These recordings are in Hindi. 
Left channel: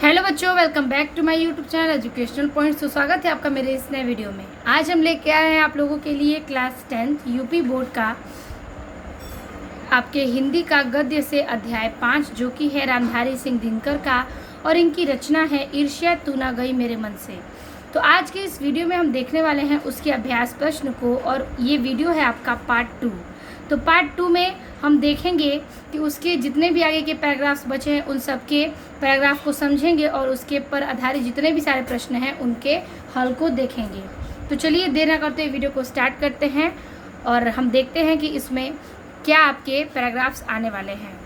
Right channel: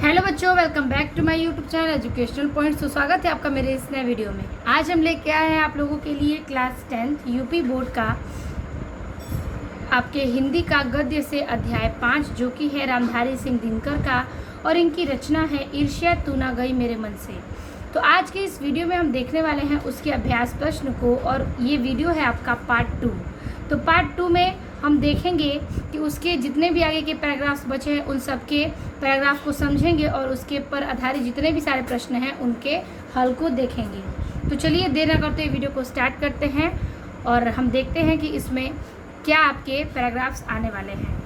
हेलो बच्चों, welcome back to my YouTube channel educational points. तो स्वागत है आपका मेरे इस नए वीडियो में। आज हम लेके आए हैं आप लोगों के लिए क्लास 10th यूपी बोर्ड का आपके हिंदी का गद्य से अध्याय 5, जो कि है रामधारी सिंह दिनकर का, और इनकी रचना है ईर्ष्या तू ना गई मेरे मन से। तो आज की इस वीडियो में हम देखने वाले हैं उसके अभ्यास प्रश्न को, और ये वीडियो है आपका पार्ट 2। तो पार्ट 2 में हम देखेंगे कि उसके जितने भी आगे के पैराग्राफ्स बचे हैं उन सब के पैराग्राफ को समझेंगे और उसके पर आधारित जितने भी सारे प्रश्न हैं उनके हल को देखेंगे। तो चलिए देर न करते वीडियो को स्टार्ट करते हैं और हम देखते हैं कि इसमें क्या आपके पैराग्राफ्स आने वाले हैं।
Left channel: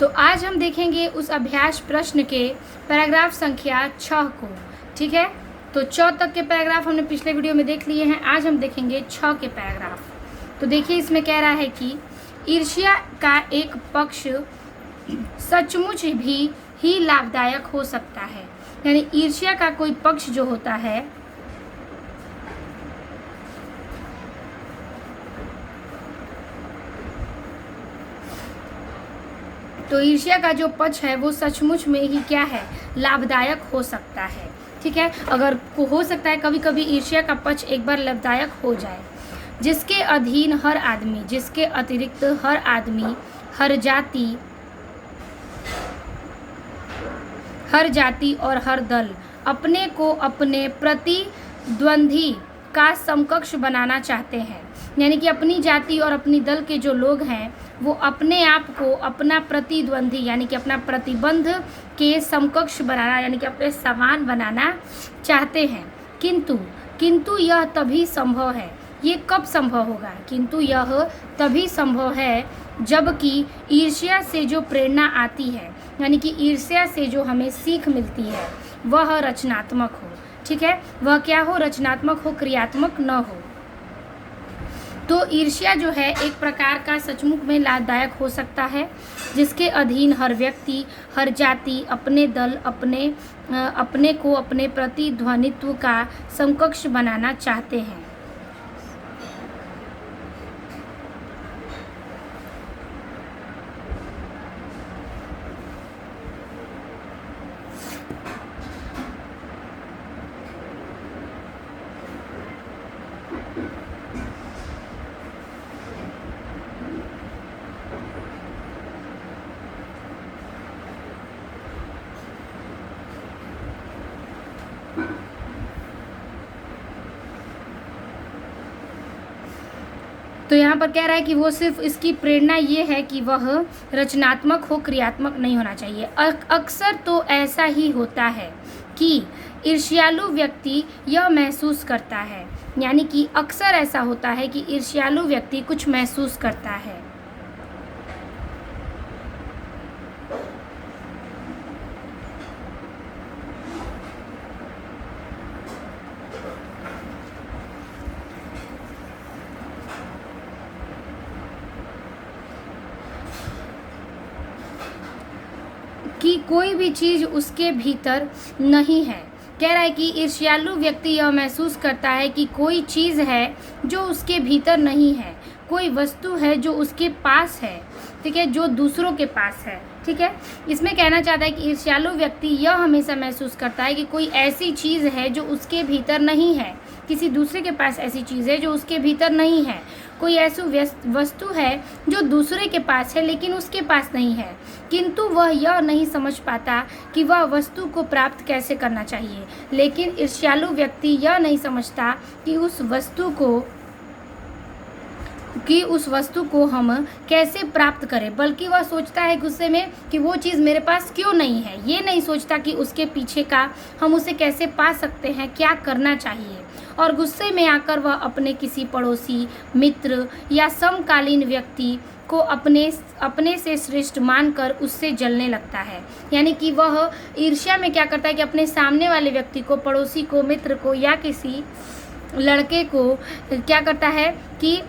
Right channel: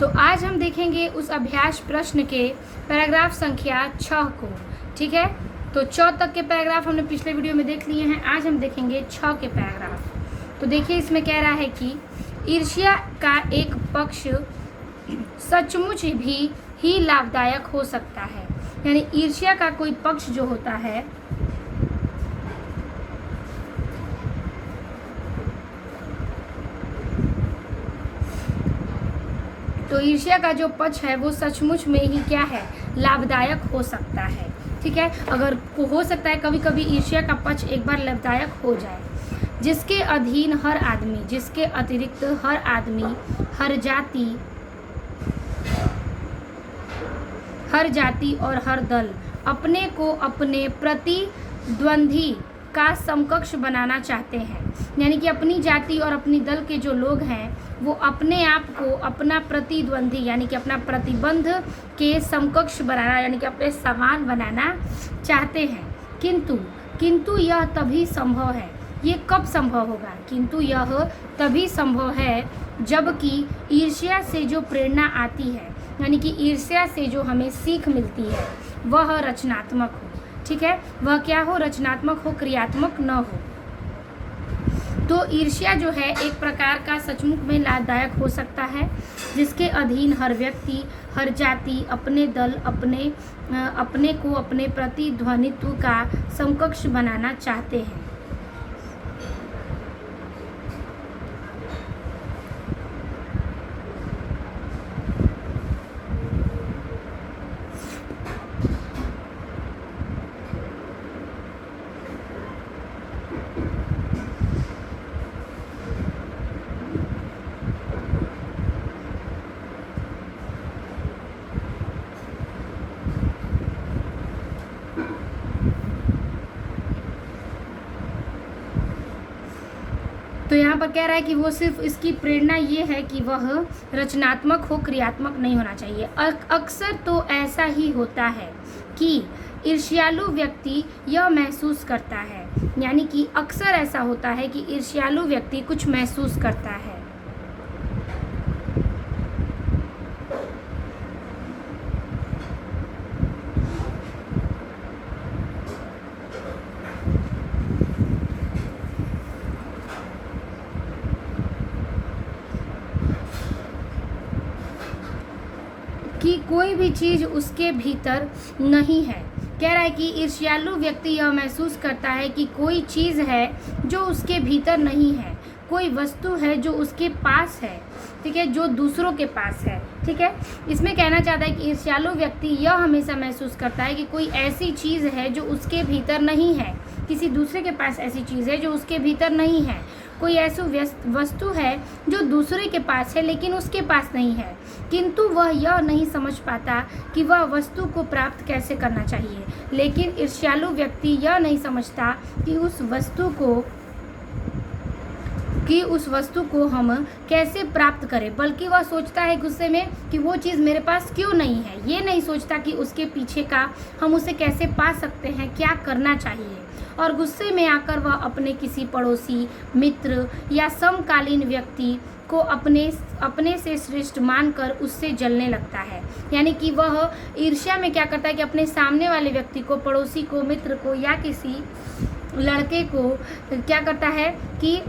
तो आज हम देखेंगे उस अभ्यास प्रश्न के पैराग्राफ संख्या 6 को। ठीक है, तो 4 तक के पैराग्राफ हमने पिछले वीडियो में देख लिए हैं। आज हम देखेंगे 6 के पैराग्राफ। तो देखिए, इसमें कह रहा है कि ईर्ष्या का एक पक्ष सचमुच भी ही लाभदायक हो सकता है। यानी ईर्ष्या का कोई पक्ष जो होता है तो ईर्ष्या का जो पक्ष है वो सचमुच में ही क्या है, लाभदायक हो सकता है। ठीक है, अगर को हो सकता है कभी कभी ईर्ष्या का पक्ष एक बार लाभदायक हो जाए। जिसके अधीन हर आदमी, जिसके अतिरिक्त हर आदमी, हर जाति और हर दल अपने को अपने प्रतिद्वंदी का समकक्ष बनाना चाहते हैं। यानी कि अपनी जाति और अपनी दल के जो लोग हैं वो अपने आप को अपना प्रतिद्वंदी यानी कि अपना प्रतिबंध के समकक्ष बनाना यानी कि अपने समान बनाना चाहते हैं। किंतु यह तभी संभव है। ये कब संभव होगा? किंतु यह तभी संभव है जबकि ईर्ष्या से जो प्रेरणा आती है, यानी कि ईर्ष्या से जो हमें सीख मिलती है वह रचनात्मक हो। ठीक है, वह क्या हो? रचनात्मक हो, क्रियात्मक न हो। तो ईर्ष्या जो है एक प्रकार का सचमुच में लाभदायक हो सकता है, जिसके अधीन हर व्यक्ति, हर जाति अपने दल अपने को अपने प्रतिध्वनित्व का समकक्ष बनाना चाहते हैं। तो यहाँ पर कह रहा है कि वो सिर्फ इसकी प्रेरणा ये है कि वह रचनात्मक हो, क्रियात्मक नहीं होना चाहिए। अक्सर तो ऐसा ही होता है कि ईर्ष्यालु व्यक्ति यह महसूस करता है, यानी कि अक्सर ऐसा होता है कि ईर्ष्यालु व्यक्ति कुछ महसूस करता है। कि कोई भी चीज़ उसके भीतर नहीं है। कह रहा है कि ईर्ष्यालु व्यक्ति यह महसूस करता है कि कोई चीज़ है जो उसके भीतर नहीं है, कोई वस्तु है जो उसके पास है। ठीक है, जो दूसरों के पास है। ठीक है, इसमें कहना चाहता है कि ईर्ष्यालु व्यक्ति यह हमेशा महसूस करता है कि कोई ऐसी चीज़ है जो उसके भीतर नहीं है, किसी दूसरे के पास ऐसी चीज़ है जो उसके भीतर नहीं है, कोई ऐसी वस्तु है जो दूसरे के पास है लेकिन उसके पास नहीं है, किंतु वह यह नहीं समझ पाता कि वह वस्तु को प्राप्त कैसे करना चाहिए। लेकिन ईर्ष्यालु व्यक्ति यह नहीं समझता कि उस वस्तु को हम कैसे प्राप्त करें, बल्कि वह सोचता है गुस्से में कि वो चीज़ मेरे पास क्यों नहीं है। ये नहीं सोचता कि उसके पीछे का हम उसे कैसे पा सकते हैं, क्या करना चाहिए। और गुस्से में आकर वह अपने किसी पड़ोसी, मित्र या समकालीन व्यक्ति को अपने से श्रेष्ठ मानकर उससे जलने लगता है। यानी कि वह ईर्ष्या में क्या करता है कि अपने सामने वाले व्यक्ति को, पड़ोसी को, मित्र को या किसी लड़के को क्या करता है कि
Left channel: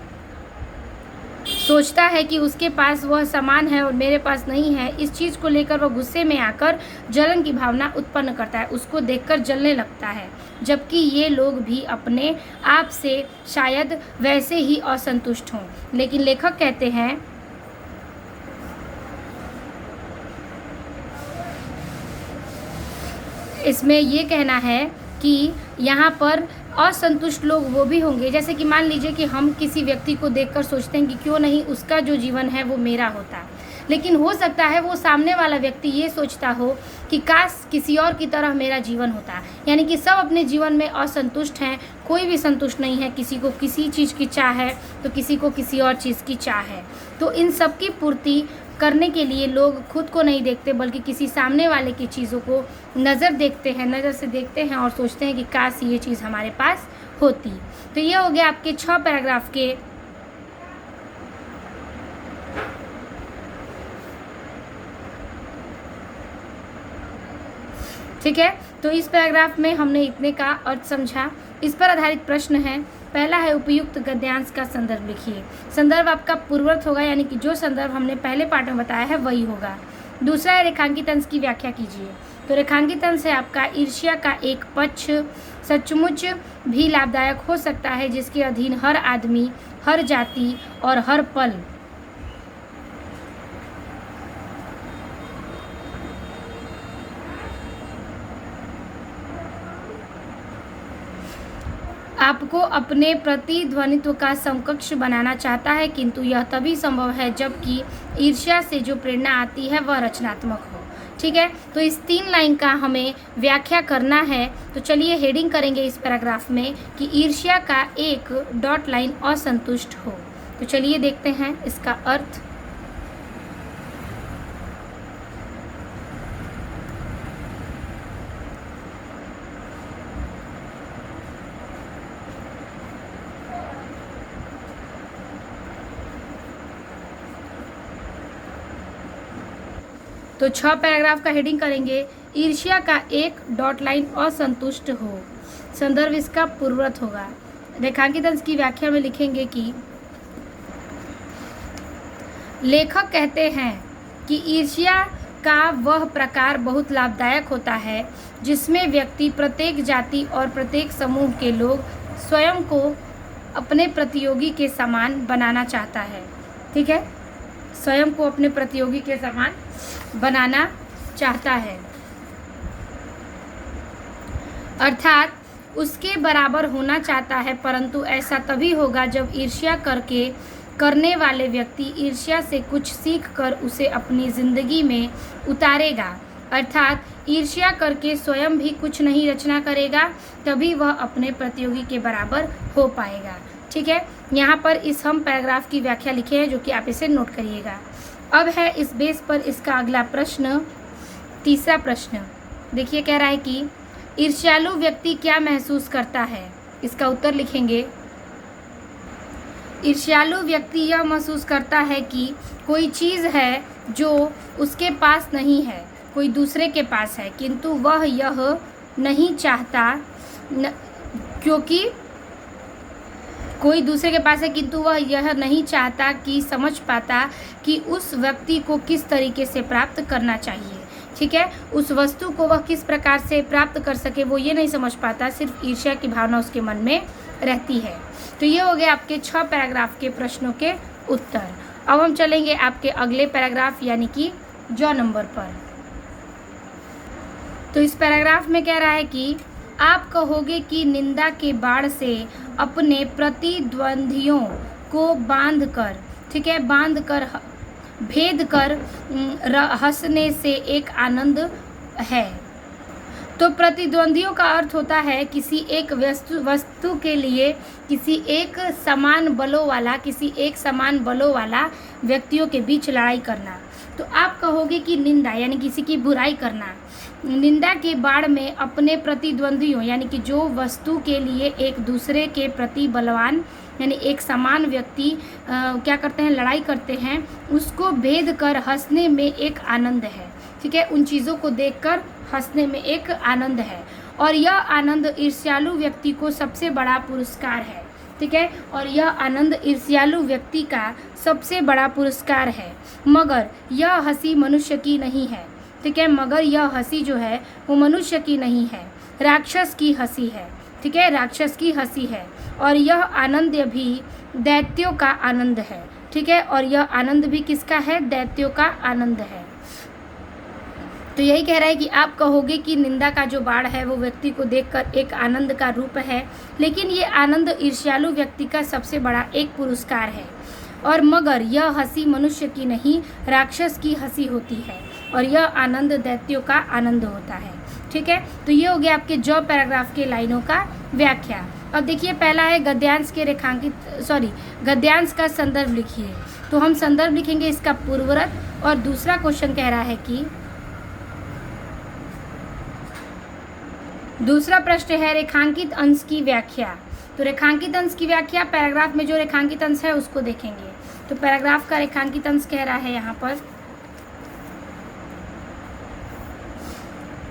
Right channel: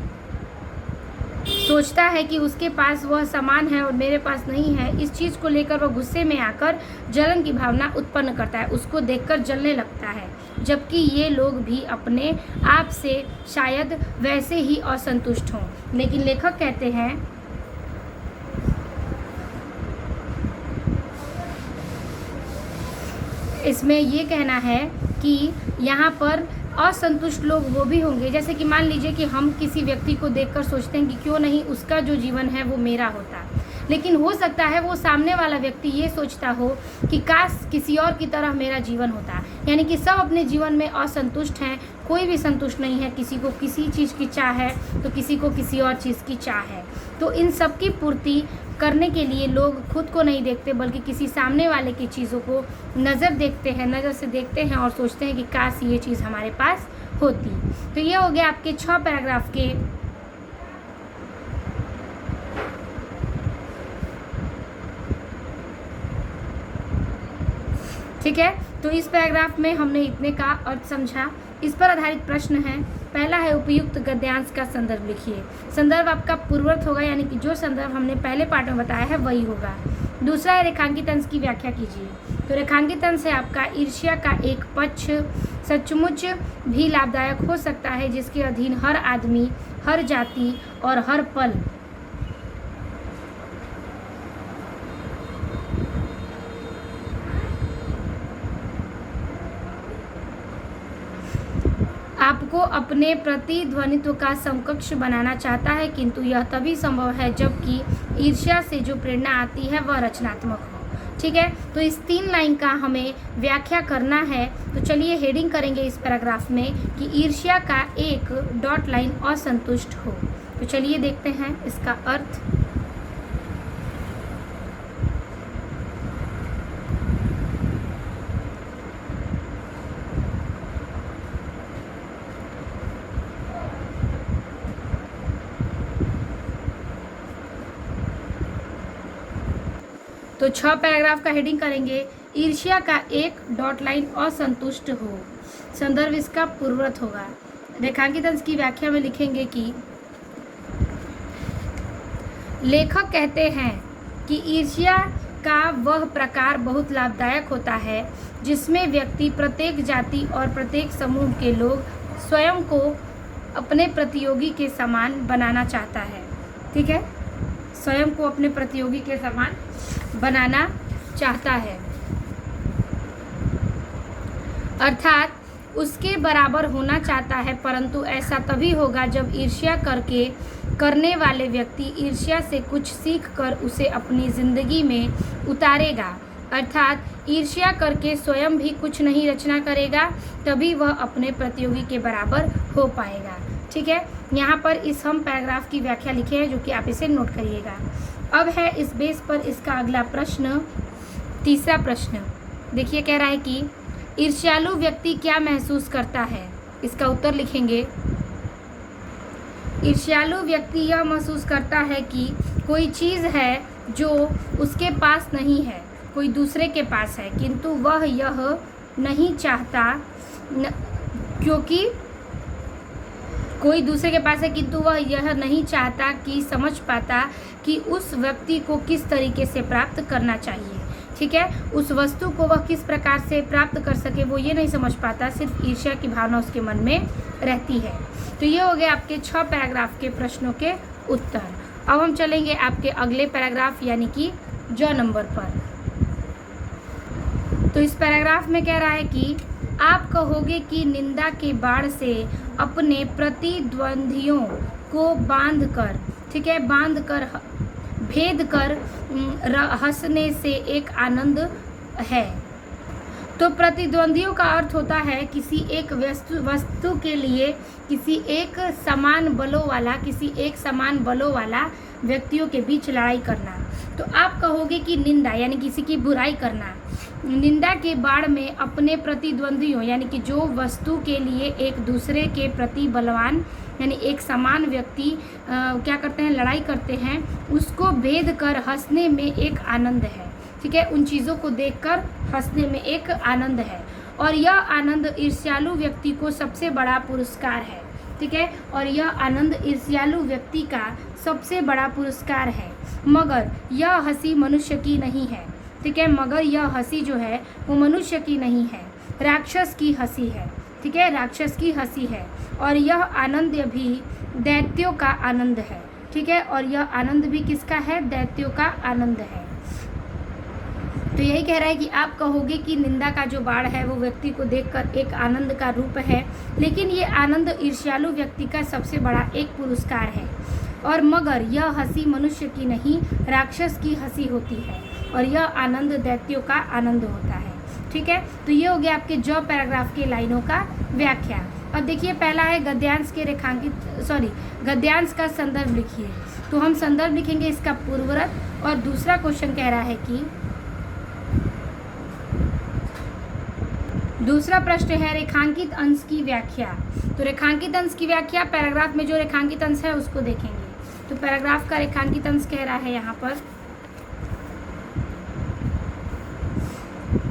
सोचता है कि उसके पास वह सामान है और मेरे पास नहीं है। इस चीज़ को लेकर वह गुस्से में आकर जलन की भावना उत्पन्न करता है, उसको देखकर जलने लगता है। जबकि ये लोग भी अपने आप से शायद वैसे ही असंतुष्ट हों। लेकिन लेखक कहते हैं इसमें ये कहना है कि यहाँ पर असंतुष्ट लोग वो भी होंगे, जैसे कि मान लीजिए कि हम किसी व्यक्ति को देखकर सोचते हैं कि क्यों नहीं उसका जो जीवन है वो मेरा होता, लेकिन हो सकता है वो सामने वाला व्यक्ति ये सोचता हो कि काश किसी और की तरह मेरा जीवन होता। यानी कि सब अपने जीवन में असंतुष्ट हैं, कोई भी संतुष्ट नहीं है, किसी को किसी चीज़ की चाह है तो किसी को किसी और चीज़ की चाह है। तो इन सब की पूर्ति करने के लिए लोग खुद को नहीं देखते बल्कि किसी सामने वाले की चीज़ों को नज़र से देखते हैं और सोचते हैं कि काश ये चीज़ हमारे पास होती। तो ये हो गया आपके 6 पैराग्राफ के ठीक है। तो इस पैराग्राफ में हमने इतने का अर्थ समझा। इस पर आधारित प्रश्न है। पहला है उपयुक्त गद्यांश का संदर्भ लिखिए। संदर्भ आपका पूर्ववर्त होगा, यानी कि जो संदर्भ हमने पहले पाठ में बताया है वही होगा। दूसरा है रेखांकित अंश की व्याख्या कीजिए। तो रेखांकित अंश है आपका ईर्ष्या का एक पक्ष सचमुच भी लाभदायक हो सकता है, जिसके अधीन हर आदमी, हर जाति और हर पल आपको अपने प्रतिध्वनित्व का समकक्ष बनाना चाहता है, किंतु यह तभी संभव है जबकि ईर्ष्या से जो प्रेरणा आती है वह रचनात्मक हो। ठीक है, तो इस 3 लाइन का हमें व्याख्या करना है। तो चलिए हेडिंग करेंगे इस पैराग्राफ में कि ईर्ष्या का एक डॉट लाइन असंतुष्ट हो। तो चलिए देखते हैं इसका अर्थ। तो 6 पैराग्राफ का हेडिंग करेंगे। ईर्ष्या का एक डॉट लाइन असंतुष्ट हो। संदर्भ इसका पूर्ववर्त होगा। रेखांकित अंश की व्याख्या में लिखेंगे कि लेखक कहते हैं कि ईर्ष्या का वह प्रकार बहुत लाभदायक होता है जिसमें व्यक्ति प्रत्येक जाति और प्रत्येक समूह के लोग स्वयं को अपने प्रतियोगी के समान बनाना चाहता है। ठीक है, स्वयं को अपने प्रतियोगी के समान बनाना चाहता है, अर्थात उसके बराबर होना चाहता है, परंतु ऐसा तभी होगा जब ईर्ष्या करने वाले व्यक्ति ईर्ष्या से कुछ सीख कर उसे अपनी जिंदगी में उतारेगा, अर्थात ईर्ष्या करके स्वयं भी कुछ नहीं रचना करेगा, तभी वह अपने प्रतियोगी के बराबर हो पाएगा। ठीक है, यहाँ पर इस हम पैराग्राफ की व्याख्या लिखे हैं जो कि आप इसे नोट करिएगा। अब है इस बेस पर इसका अगला प्रश्न, तीसरा प्रश्न देखिए, कह रहा है कि ईर्ष्यालु व्यक्ति क्या महसूस करता है। इसका उत्तर लिखेंगे। ईर्ष्यालु व्यक्ति यह महसूस करता है कि कोई चीज़ है जो उसके पास नहीं है, कोई दूसरे के पास है, किंतु वह यह नहीं चाहता क्योंकि कोई दूसरे के पास है, किंतु वह यह नहीं चाहता कि समझ पाता कि उस व्यक्ति को किस तरीके से प्राप्त करना चाहिए। ठीक है, उस वस्तु को वह किस प्रकार से प्राप्त कर सके वो ये नहीं समझ पाता, सिर्फ ईर्ष्या की भावना उसके मन में रहती है। तो ये हो गए आपके 6 पैराग्राफ के प्रश्नों के उत्तर। अब हम चलेंगे आपके अगले पैराग्राफ यानी कि ज नंबर पर। तो इस पैराग्राफ में कह रहा है कि आप कहोगे कि निंदा के बाढ़ से अपने प्रतिद्वंदियों को बांधकर, ठीक है, बांधकर भेद कर हंसने से एक आनंद है। तो प्रतिद्वंदियों का अर्थ होता है किसी एक वस्तु के लिए किसी एक समान बलों वाला व्यक्तियों के बीच लड़ाई करना। तो आप कहोगे कि निंदा यानी किसी की बुराई करना, निंदा के बाढ़ में अपने प्रतिद्वंदियों यानी कि जो वस्तु के लिए एक दूसरे के प्रति बलवान यानी एक समान व्यक्ति क्या करते हैं, लड़ाई करते हैं, उसको भेद कर हंसने में एक आनंद है। ठीक है, उन चीज़ों को देखकर हंसने में एक आनंद है, और यह आनंद ईर्ष्यालु व्यक्ति को सबसे बड़ा पुरस्कार है। ठीक है, और यह आनंद ईर्ष्यालु व्यक्ति का सबसे बड़ा पुरस्कार है, मगर यह हंसी मनुष्य की नहीं है। ठीक है, मगर यह हंसी जो है वो मनुष्य की नहीं है, राक्षस की हंसी है। ठीक है, राक्षस की हंसी है, और यह आनंद भी दैत्यों का आनंद है। ठीक है, और यह आनंद भी किसका है, दैत्यों का आनंद है। तो यही कह रहा है कि आप कहोगे कि निंदा का जो बाढ़ है वो व्यक्ति को देखकर एक आनंद का रूप है, लेकिन ये आनंद ईर्ष्यालु व्यक्ति का सबसे बड़ा एक पुरस्कार है। और मगर यह हंसी मनुष्य की नहीं, राक्षस की हंसी होती है, और यह आनंद दैत्यों का आनंद होता है। ठीक है, तो ये हो गया आपके जो पैराग्राफ के लाइनों का व्याख्या। अब देखिए, पहला है गद्यांश के गद्यांश का संदर्भ लिखिए। तो हम संदर्भ लिखेंगे इसका पूर्वरत, और दूसरा क्वेश्चन कह रहा है कि दूसरा प्रश्न है रेखांकित अंश की व्याख्या। तो रेखांकित अंश की व्याख्या, पैराग्राफ में जो रेखांकित अंश है उसको देखेंगे। तो पैराग्राफ का रेखांकित अंश कह रहा है यहाँ पर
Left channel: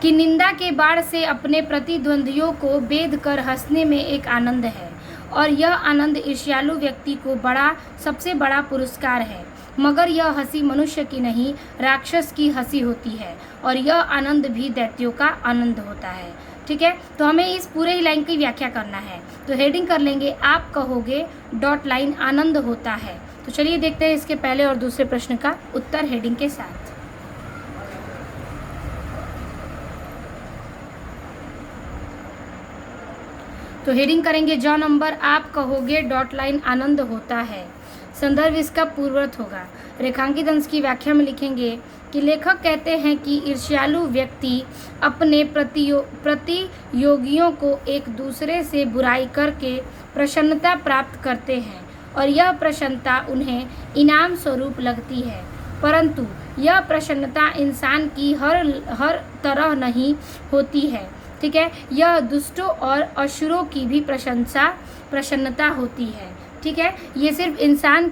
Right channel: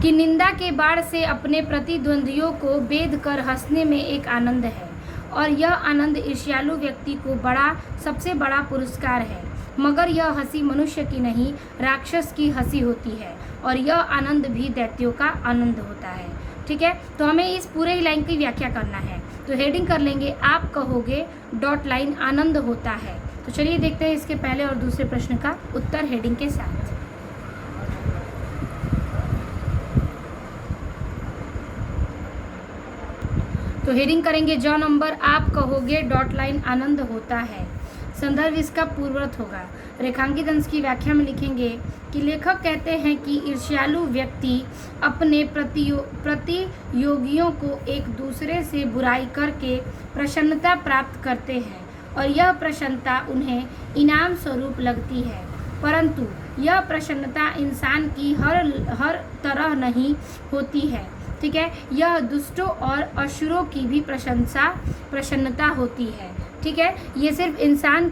कि निंदा के बाढ़ से अपने प्रतिद्वंदियों को बेध कर हंसने में एक आनंद है, और यह आनंद ईर्ष्यालु व्यक्ति को सबसे बड़ा पुरस्कार है। मगर यह हंसी मनुष्य की नहीं, राक्षस की हंसी होती है, और यह आनंद भी दैत्यों का आनंद होता है। ठीक है, तो हमें इस पूरे ही लाइन की व्याख्या करना है। तो हेडिंग कर लेंगे, आप कहोगे डॉट लाइन आनंद होता है। तो चलिए देखते हैं इसके पहले और दूसरे प्रश्न का उत्तर हेडिंग के साथ। तो हेडिंग करेंगे ज नंबर, आप कहोगे डॉट लाइन आनंद होता है। संदर्भ इसका पूर्ववर्त होगा। रेखांकित अंश की व्याख्या में लिखेंगे कि लेखक कहते हैं कि ईर्ष्यालु व्यक्ति अपने प्रतियोगियों को एक दूसरे से बुराई करके प्रसन्नता प्राप्त करते हैं, और यह प्रसन्नता उन्हें इनाम स्वरूप लगती है। परंतु यह प्रसन्नता इंसान की हर तरह नहीं होती है। ठीक है, यह दुष्टों और असुरों की भी प्रसन्नता होती है। ठीक है, ये सिर्फ इंसान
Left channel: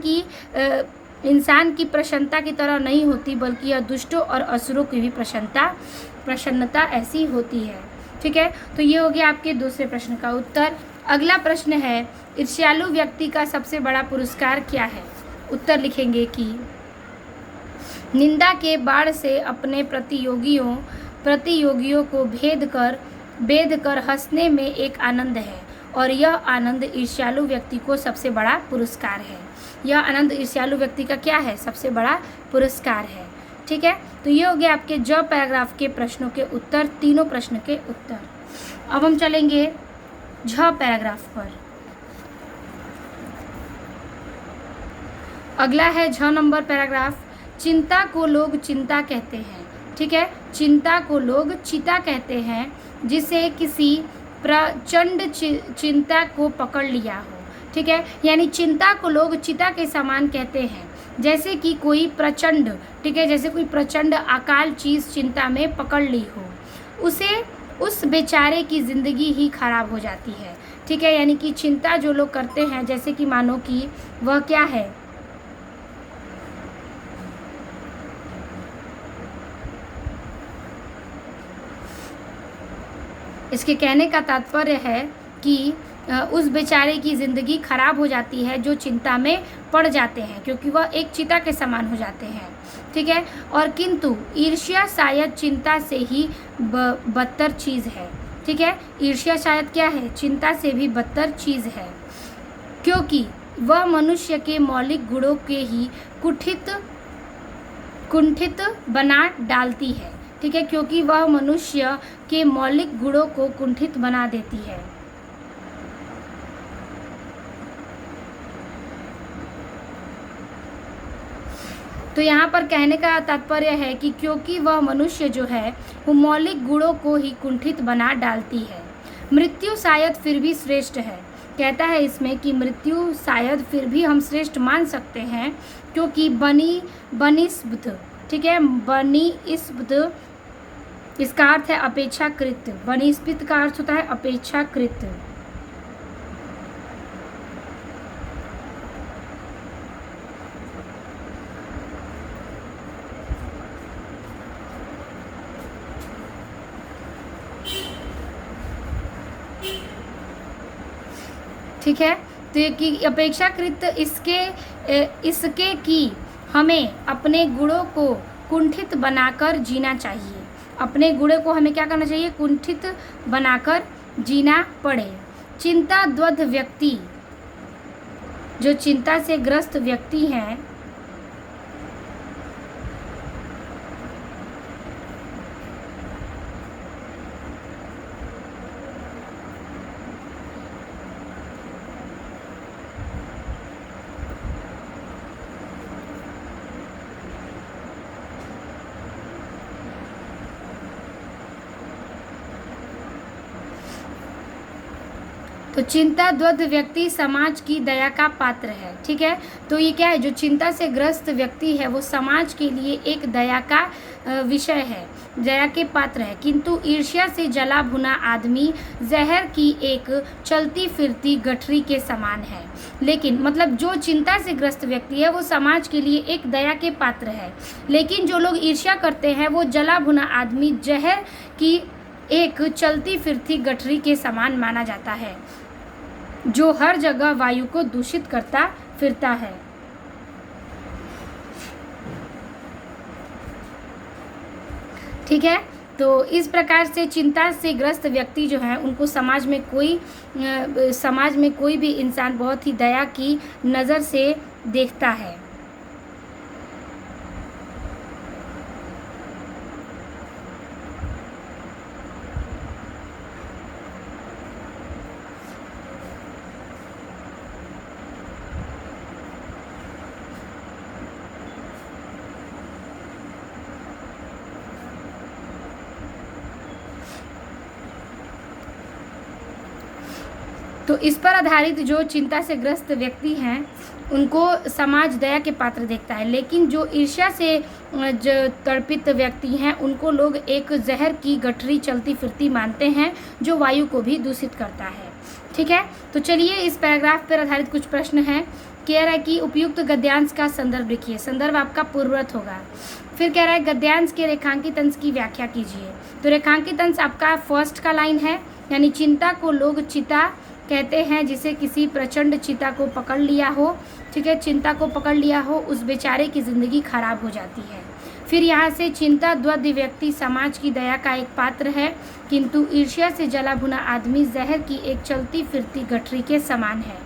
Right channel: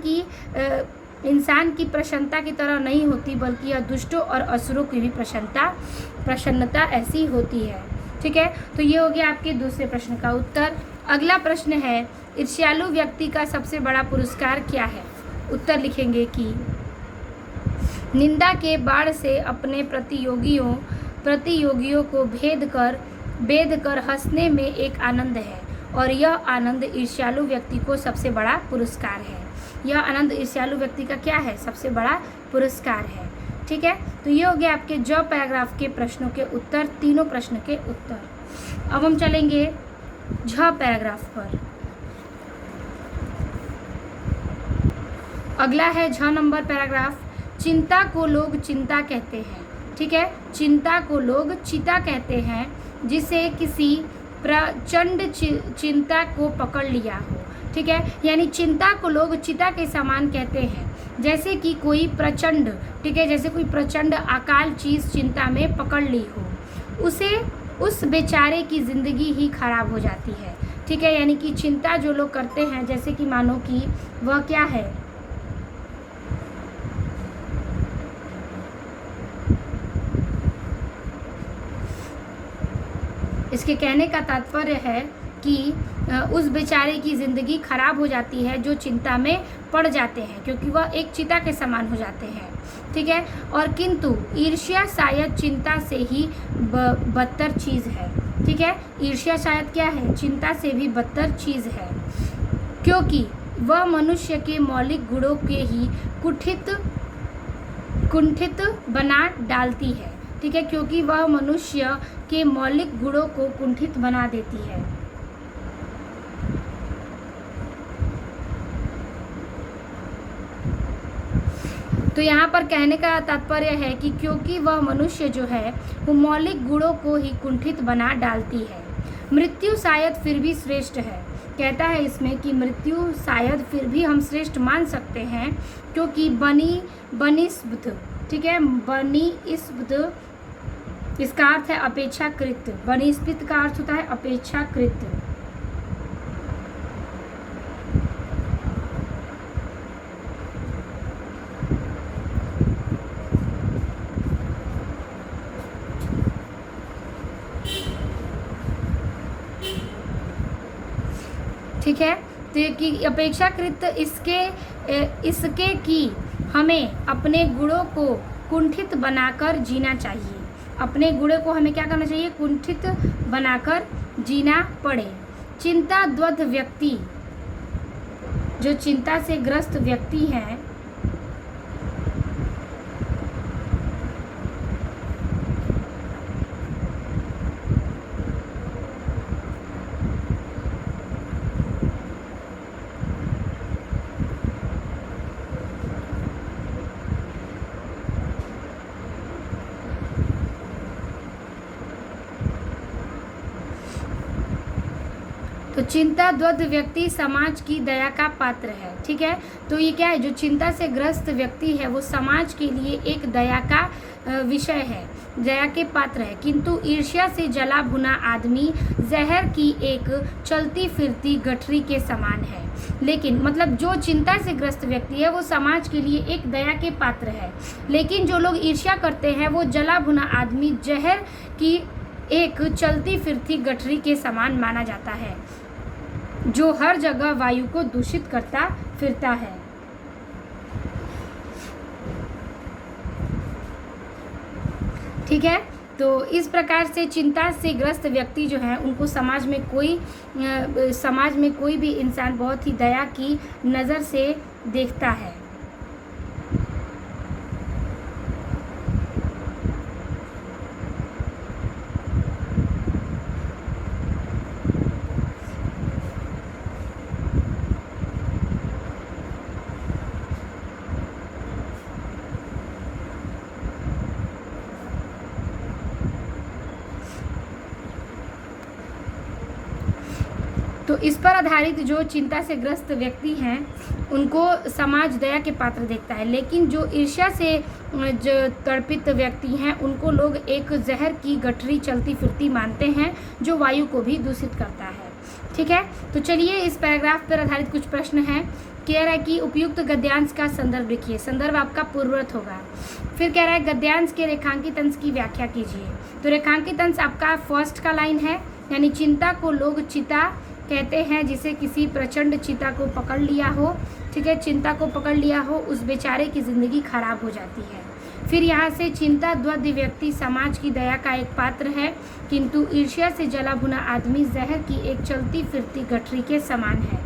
की प्रसन्नता की तरह नहीं होती, बल्कि यह दुष्टों और असुरों की भी प्रसन्नता ऐसी होती है। ठीक है, तो ये हो गया आपके दूसरे प्रश्न का उत्तर। अगला प्रश्न है, ईर्ष्यालु व्यक्ति का सबसे बड़ा पुरस्कार क्या है। उत्तर लिखेंगे कि निंदा के बाढ़ से अपने प्रतियोगियों को भेद कर हंसने में एक आनंद है, और यह आनंद ईर्ष्यालु व्यक्ति को सबसे बड़ा पुरस्कार है। यह आनंद ईर्ष्यालु व्यक्ति का क्या है, सबसे बड़ा पुरस्कार है। ठीक है, तो ये हो गया आपके जो पैराग्राफ के प्रश्नों के उत्तर, तीनों प्रश्न के उत्तर। अब हम चलेंगे झ पैराग्राफ पर। अगला है झ नंबर पैराग्राफ, चिंता को लोग चिंता कहते हैं। ठीक है, चिंता को लोग चिता कहते हैं, जिसे किसी प्रचंड चिंता को पकड़ लिया हो। ठीक है, यानी चिंता को लोग चिता के समान कहते हैं, जैसे कि कोई प्रचंड, ठीक है, जैसे कोई प्रचंड अकाल चीज चिंता में पकड़ ली हो, उस बेचारे की जिंदगी ही खराब हो जाती है। ठीक है, यानी कि चिंता जो लोग करते हैं, जैसे कि मानो कि वह क्या है, इसके कहने का तात्पर्य है कि उस बेचारे की ज़िंदगी खराब हो जाती है जो चिंता में पड़ जाते हैं, क्योंकि वह एक चिता के समान हो जाते हैं। ठीक है, और किंतु ईर्ष्या शायद चिंता से ही बदतर चीज़ है। ठीक है, ईर्ष्या शायद क्या है, चिंता से भी बदतर चीज़ है, क्योंकि वह मनुष्य के मौलिक गुणों के ही कुंठित बना डालती है। ठीक है, क्योंकि वह मनुष्य के मौलिक गुणों को कुंठित बना देती है। तो यहाँ पर कहने का तात्पर्य है कि क्योंकि वह मनुष्य जो है वो मौलिक गुणों को ही कुंठित बना डालती है। मृत्यु शायद फिर भी श्रेष्ठ है, कहता है इसमें कि मृत्यु शायद फिर भी हम श्रेष्ठ मान सकते हैं, क्योंकि बनिस्बत, ठीक है, बनिस्बत इसका अर्थ है अपेक्षाकृत, बनिस्बत का अर्थ होता है अपेक्षाकृत। ठीक है, तो ये कि अपेक्षाकृत इसके कि हमें अपने गुणों को कुंठित बनाकर जीना चाहिए। अपने गुणों को हमें क्या करना चाहिए, कुंठित बनाकर जीना पड़े। चिंता द्वंद व्यक्ति, जो चिंता से ग्रस्त व्यक्ति हैं, तो चिंता द्वंद व्यक्ति समाज की दया का पात्र है। ठीक है, तो ये क्या है, जो चिंता से ग्रस्त व्यक्ति है वो समाज के लिए एक दया का विषय है, दया के पात्र है। किंतु ईर्ष्या से जला भुना आदमी जहर की एक चलती फिरती गठरी के समान है। लेकिन मतलब जो चिंता से ग्रस्त व्यक्ति है वो समाज के लिए एक दया के पात्र है, लेकिन जो लोग ईर्ष्या करते हैं वो जला भुना आदमी जहर की एक चलती फिरती गठरी के समान माना जाता है, जो हर जगह वायु को दूषित करता फिरता है। ठीक है, तो इस प्रकार से चिंता से ग्रस्त व्यक्ति जो है उनको समाज में कोई भी इंसान बहुत ही दया की नज़र से देखता है। तो इस पर आधारित जो चिंता से ग्रस्त व्यक्ति हैं उनको समाज दया के पात्र देखता है, लेकिन जो ईर्ष्या से जो तड़पित व्यक्ति हैं उनको लोग एक जहर की गठरी चलती फिरती मानते हैं, जो वायु को भी दूषित करता है। ठीक है, तो चलिए इस पैराग्राफ पर आधारित कुछ प्रश्न हैं। कह रहा है कि उपयुक्त गद्यांश का संदर्भ लिखिए। संदर्भ आपका पूर्ववर्त होगा। फिर कह रहा है गद्यांश के रेखांकित अंश की व्याख्या कीजिए। तो रेखांकित अंश आपका फर्स्ट का लाइन है, यानी चिंता को लोग चिता कहते हैं जिसे किसी प्रचंड चिता को पकड़ लिया हो। ठीक है, चिंता को पकड़ लिया हो, उस बेचारे की ज़िंदगी खराब हो जाती है। फिर यहाँ से चिंता द्वंद व्यक्ति समाज की दया का एक पात्र है, किंतु ईर्ष्या से जला भुना आदमी जहर की एक चलती फिरती गठरी के समान है,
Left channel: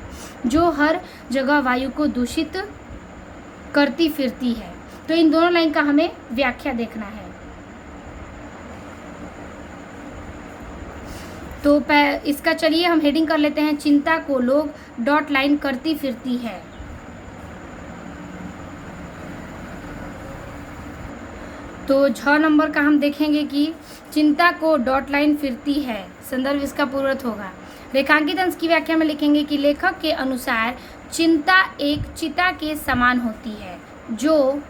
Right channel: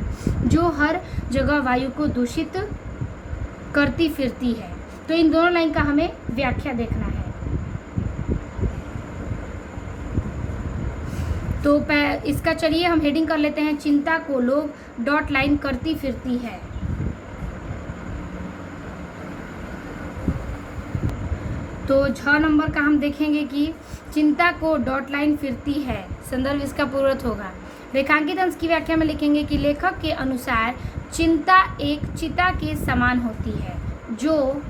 जो हर जगह वायु को दूषित करती फिरती है। तो इन दोनों लाइन का हमें व्याख्या देखना है। तो इसका चलिए हम हेडिंग कर लेते हैं, चिंता को लोग डॉट लाइन करती फिरती है। तो 6 नंबर का हम देखेंगे कि चिंता को डॉट लाइन फिरती है, संदर्भ इसका पूर्ववर्त होगा। रेखांकित अंश की व्याख्या में लिखेंगे कि लेखक के अनुसार चिंता एक चिता के समान होती है, जो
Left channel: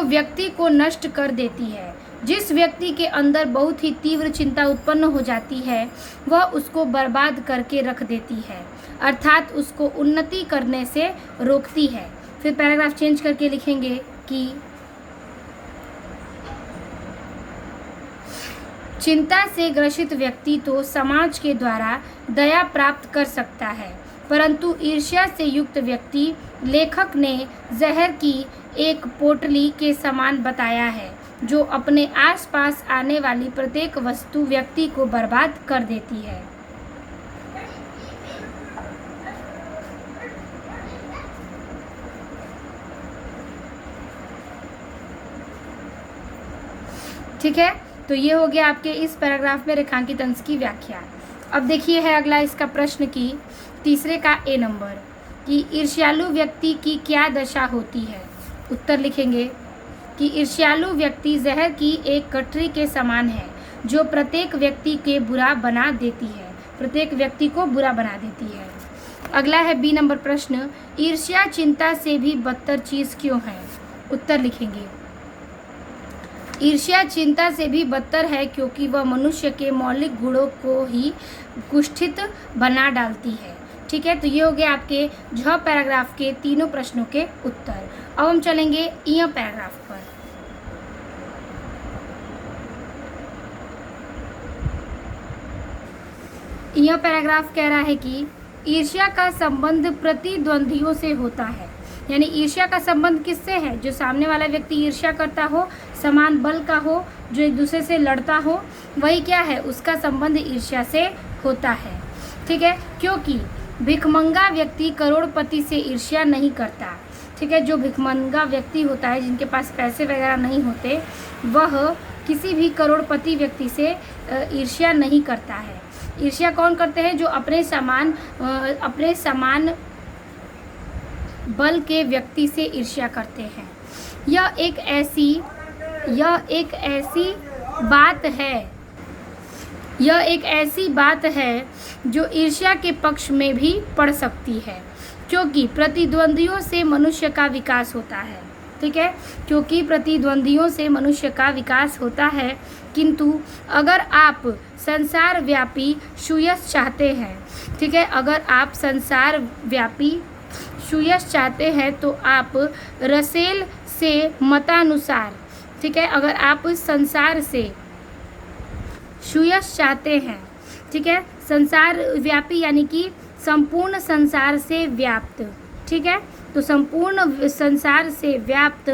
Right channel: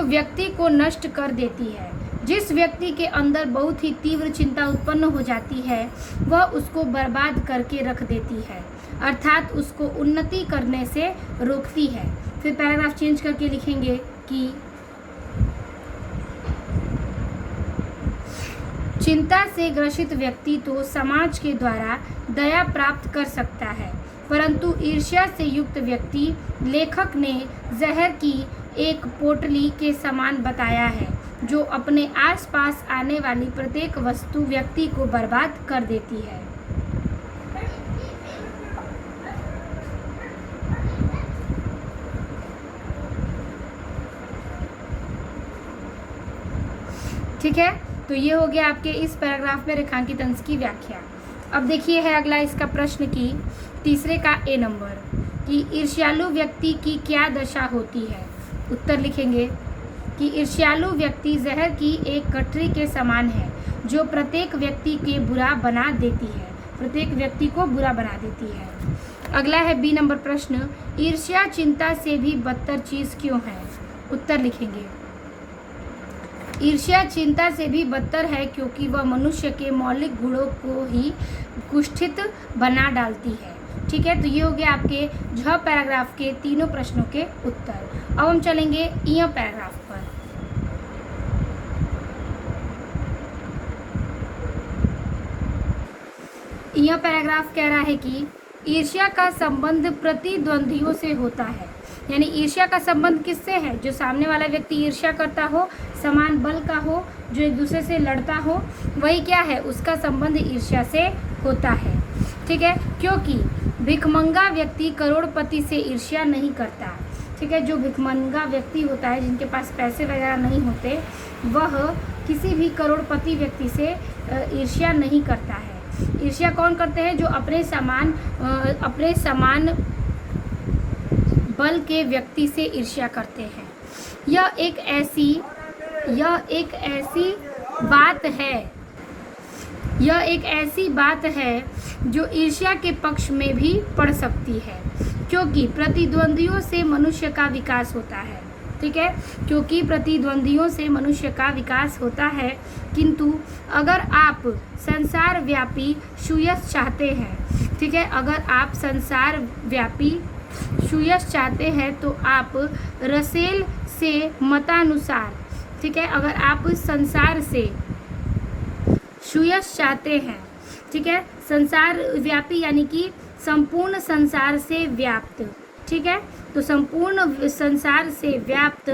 व्यक्ति को नष्ट कर देती है। जिस व्यक्ति के अंदर बहुत ही तीव्र चिंता उत्पन्न हो जाती है वह उसको बर्बाद करके रख देती है, अर्थात उसको उन्नति करने से रोकती है। फिर पैराग्राफ चेंज करके लिखेंगे कि चिंता से ग्रसित व्यक्ति तो समाज के द्वारा दया प्राप्त कर सकता है, परंतु ईर्ष्या से युक्त व्यक्ति लेखक ने जहर की एक पोटली के समान बताया है, जो अपने आसपास आने वाली प्रत्येक वस्तु व्यक्ति को बर्बाद कर देती है। ठीक है, तो ये हो गया आपके इस पैराग्राफ में रेखांकित अंश की व्याख्या। अब देखिए है अगला इसका प्रश्न की तीसरे का ए नंबर कि ईर्ष्यालु व्यक्ति की क्या दशा होती है। उत्तर लिखेंगे कि ईर्ष्यालु व्यक्ति जहर की एक गठरी के समान है, जो प्रत्येक व्यक्ति के बुरा बना देती है, प्रत्येक व्यक्ति को बुरा बना देती है। अगला है बी नंबर प्रश्न, ईर्ष्या चिंता से भी बदतर चीज़ क्यों है। उत्तर लिखेंगे ईर्ष्या चिंता से भी बदतर है क्योंकि वह मनुष्य के मौलिक गुणों को ही कुष्ठित बना डालती है। ठीक है, तो ये हो गया आपके झ पैराग्राफ के तीनों प्रश्नों के उत्तर। अब हम चलेंगे इ पैराग्राफ पर। यह पैराग्राफ कह रहा है कि ईर्ष्या का संबंध प्रतिद्वंदियों से होता है, यानी ईर्ष्या का संबंध किससे है, जो सामने वाला व्यक्ति ईर्ष्या करता हो, समान बल का हो, जो एक दूसरे से लड़ता हो, वही क्या है, उसका संबंध ईर्ष्या से होता है। ठीक है, क्योंकि भिखमंगा व्यक्ति करोड़पति से ईर्ष्या नहीं करता। ठीक है, जो भिखमंगा व्यक्ति होता है, जिनके पास पैसे वगैरह नहीं होते, वह किसी भी करोड़पति व्यक्ति से ईर्ष्या नहीं करता है। ईर्ष्या कौन करते हैं, जो अपने समान बल के व्यक्ति से ईर्ष्या करते हैं। यह एक ऐसी बात है, यह एक ऐसी बात है जो ईर्ष्या के पक्ष में भी पड़ सकती है, क्योंकि प्रतिद्वंदियों से मनुष्य का विकास होता है। ठीक है, क्योंकि प्रतिद्वंदियों से मनुष्य का विकास होता है, किंतु अगर आप संसार व्यापी सुयश चाहते हैं, ठीक है, अगर आप संसार व्यापी सुयश चाहते हैं तो आप रसेल से मतानुसार, ठीक है, अगर आप संसार से सुयश चाहते हैं, ठीक है, संसार व्यापी यानी कि संपूर्ण संसार से व्याप्त, ठीक है, तो संपूर्ण संसार से व्याप्त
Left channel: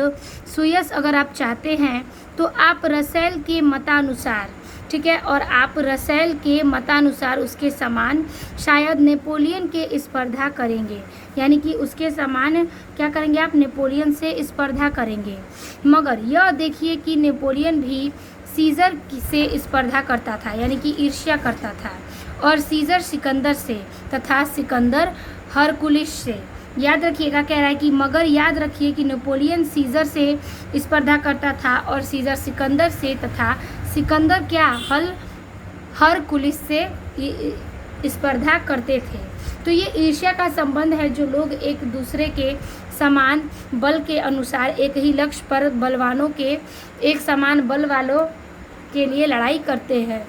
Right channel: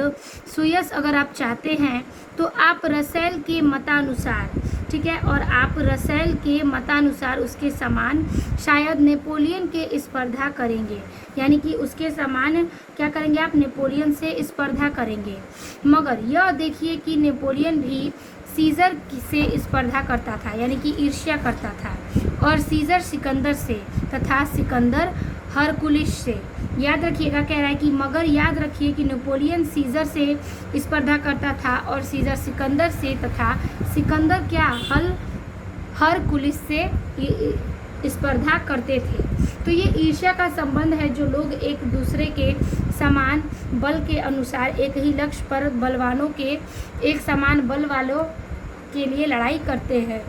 सुयश अगर आप चाहते हैं तो आप रसेल के मतानुसार, ठीक है, और आप रसेल के मतानुसार उसके समान शायद नेपोलियन के स्पर्धा करेंगे, यानी कि उसके समान क्या करेंगे आप, नेपोलियन से स्पर्धा करेंगे। मगर यह देखिए कि नेपोलियन भी सीजर से स्पर्धा करता था, यानी कि ईर्ष्या करता था, और सीजर सिकंदर से तथा सिकंदर हरकुलिस से। याद रखिएगा, कह रहा है कि मगर याद रखिए कि नेपोलियन सीजर से स्पर्धा करता था और सीजर सिकंदर से, तथा सिकंदर क्या हरकुलिस से स्पर्धा करते थे। तो ये ईर्ष्या का संबंध है, जो लोग एक दूसरे के समान बल के अनुसार एक ही लक्ष्य पर बलवानों के एक समान बल वालों के लिए लड़ाई करते हैं।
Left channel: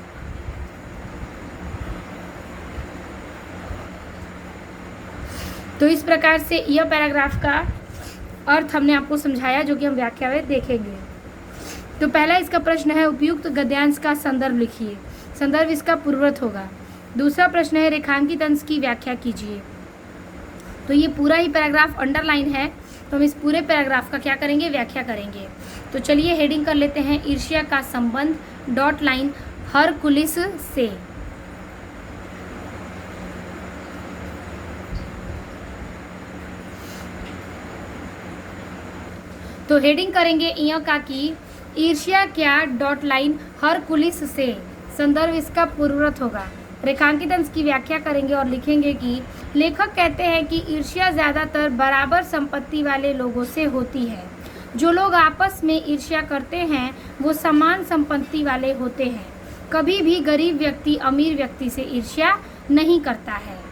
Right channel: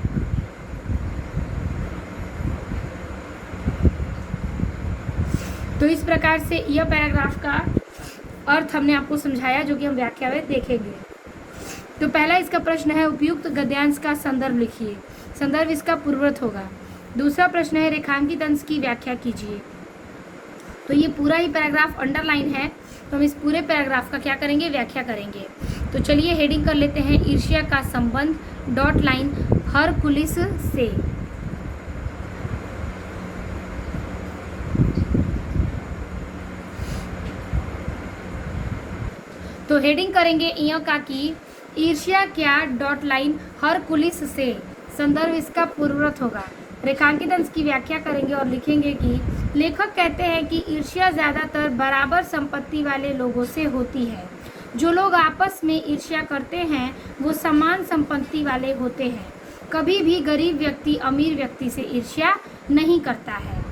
तो इस प्रकार से यह पैराग्राफ का अर्थ हमने आपको समझाया, जो कि हम व्याख्या में देखेंगे। तो पहला इसका प्रश्न है, उपयुक्त गद्यांश का संदर्भ लिखिए। संदर्भ इसका पूर्ववर्त होगा। दूसरा प्रश्न है, रेखांकित अंश की व्याख्या कीजिए। तो ये पूरा ही पैराग्राफ अंडरलाइन है, तो हम इस पूरे पैराग्राफ का क्या करेंगे, व्याख्या करेंगे। तो चलिए हेडिंग कर लेते हैं, ईर्ष्या का संबंध डॉट लाइन हरकुलिस से। तो हेडिंग करेंगे यह का कि ईर्ष्या क्या डॉट लाइन हरकुलिस से, संदर्भ इसका पूर्ववर्त होगा। रेखांकित अंश की व्याख्या करेंगे और लिखेंगे कि लेखक कहते हैं कि ईर्ष्या ज़्यादातर बराबर संपत्ति वाले लोगों से होती है। जो लोग आपस में ईर्ष्या करते हैं वो समान संपत्ति वाले होते हैं। कभी भी गरीब व्यक्ति अमीर व्यक्ति से ईर्ष्या नहीं करता है।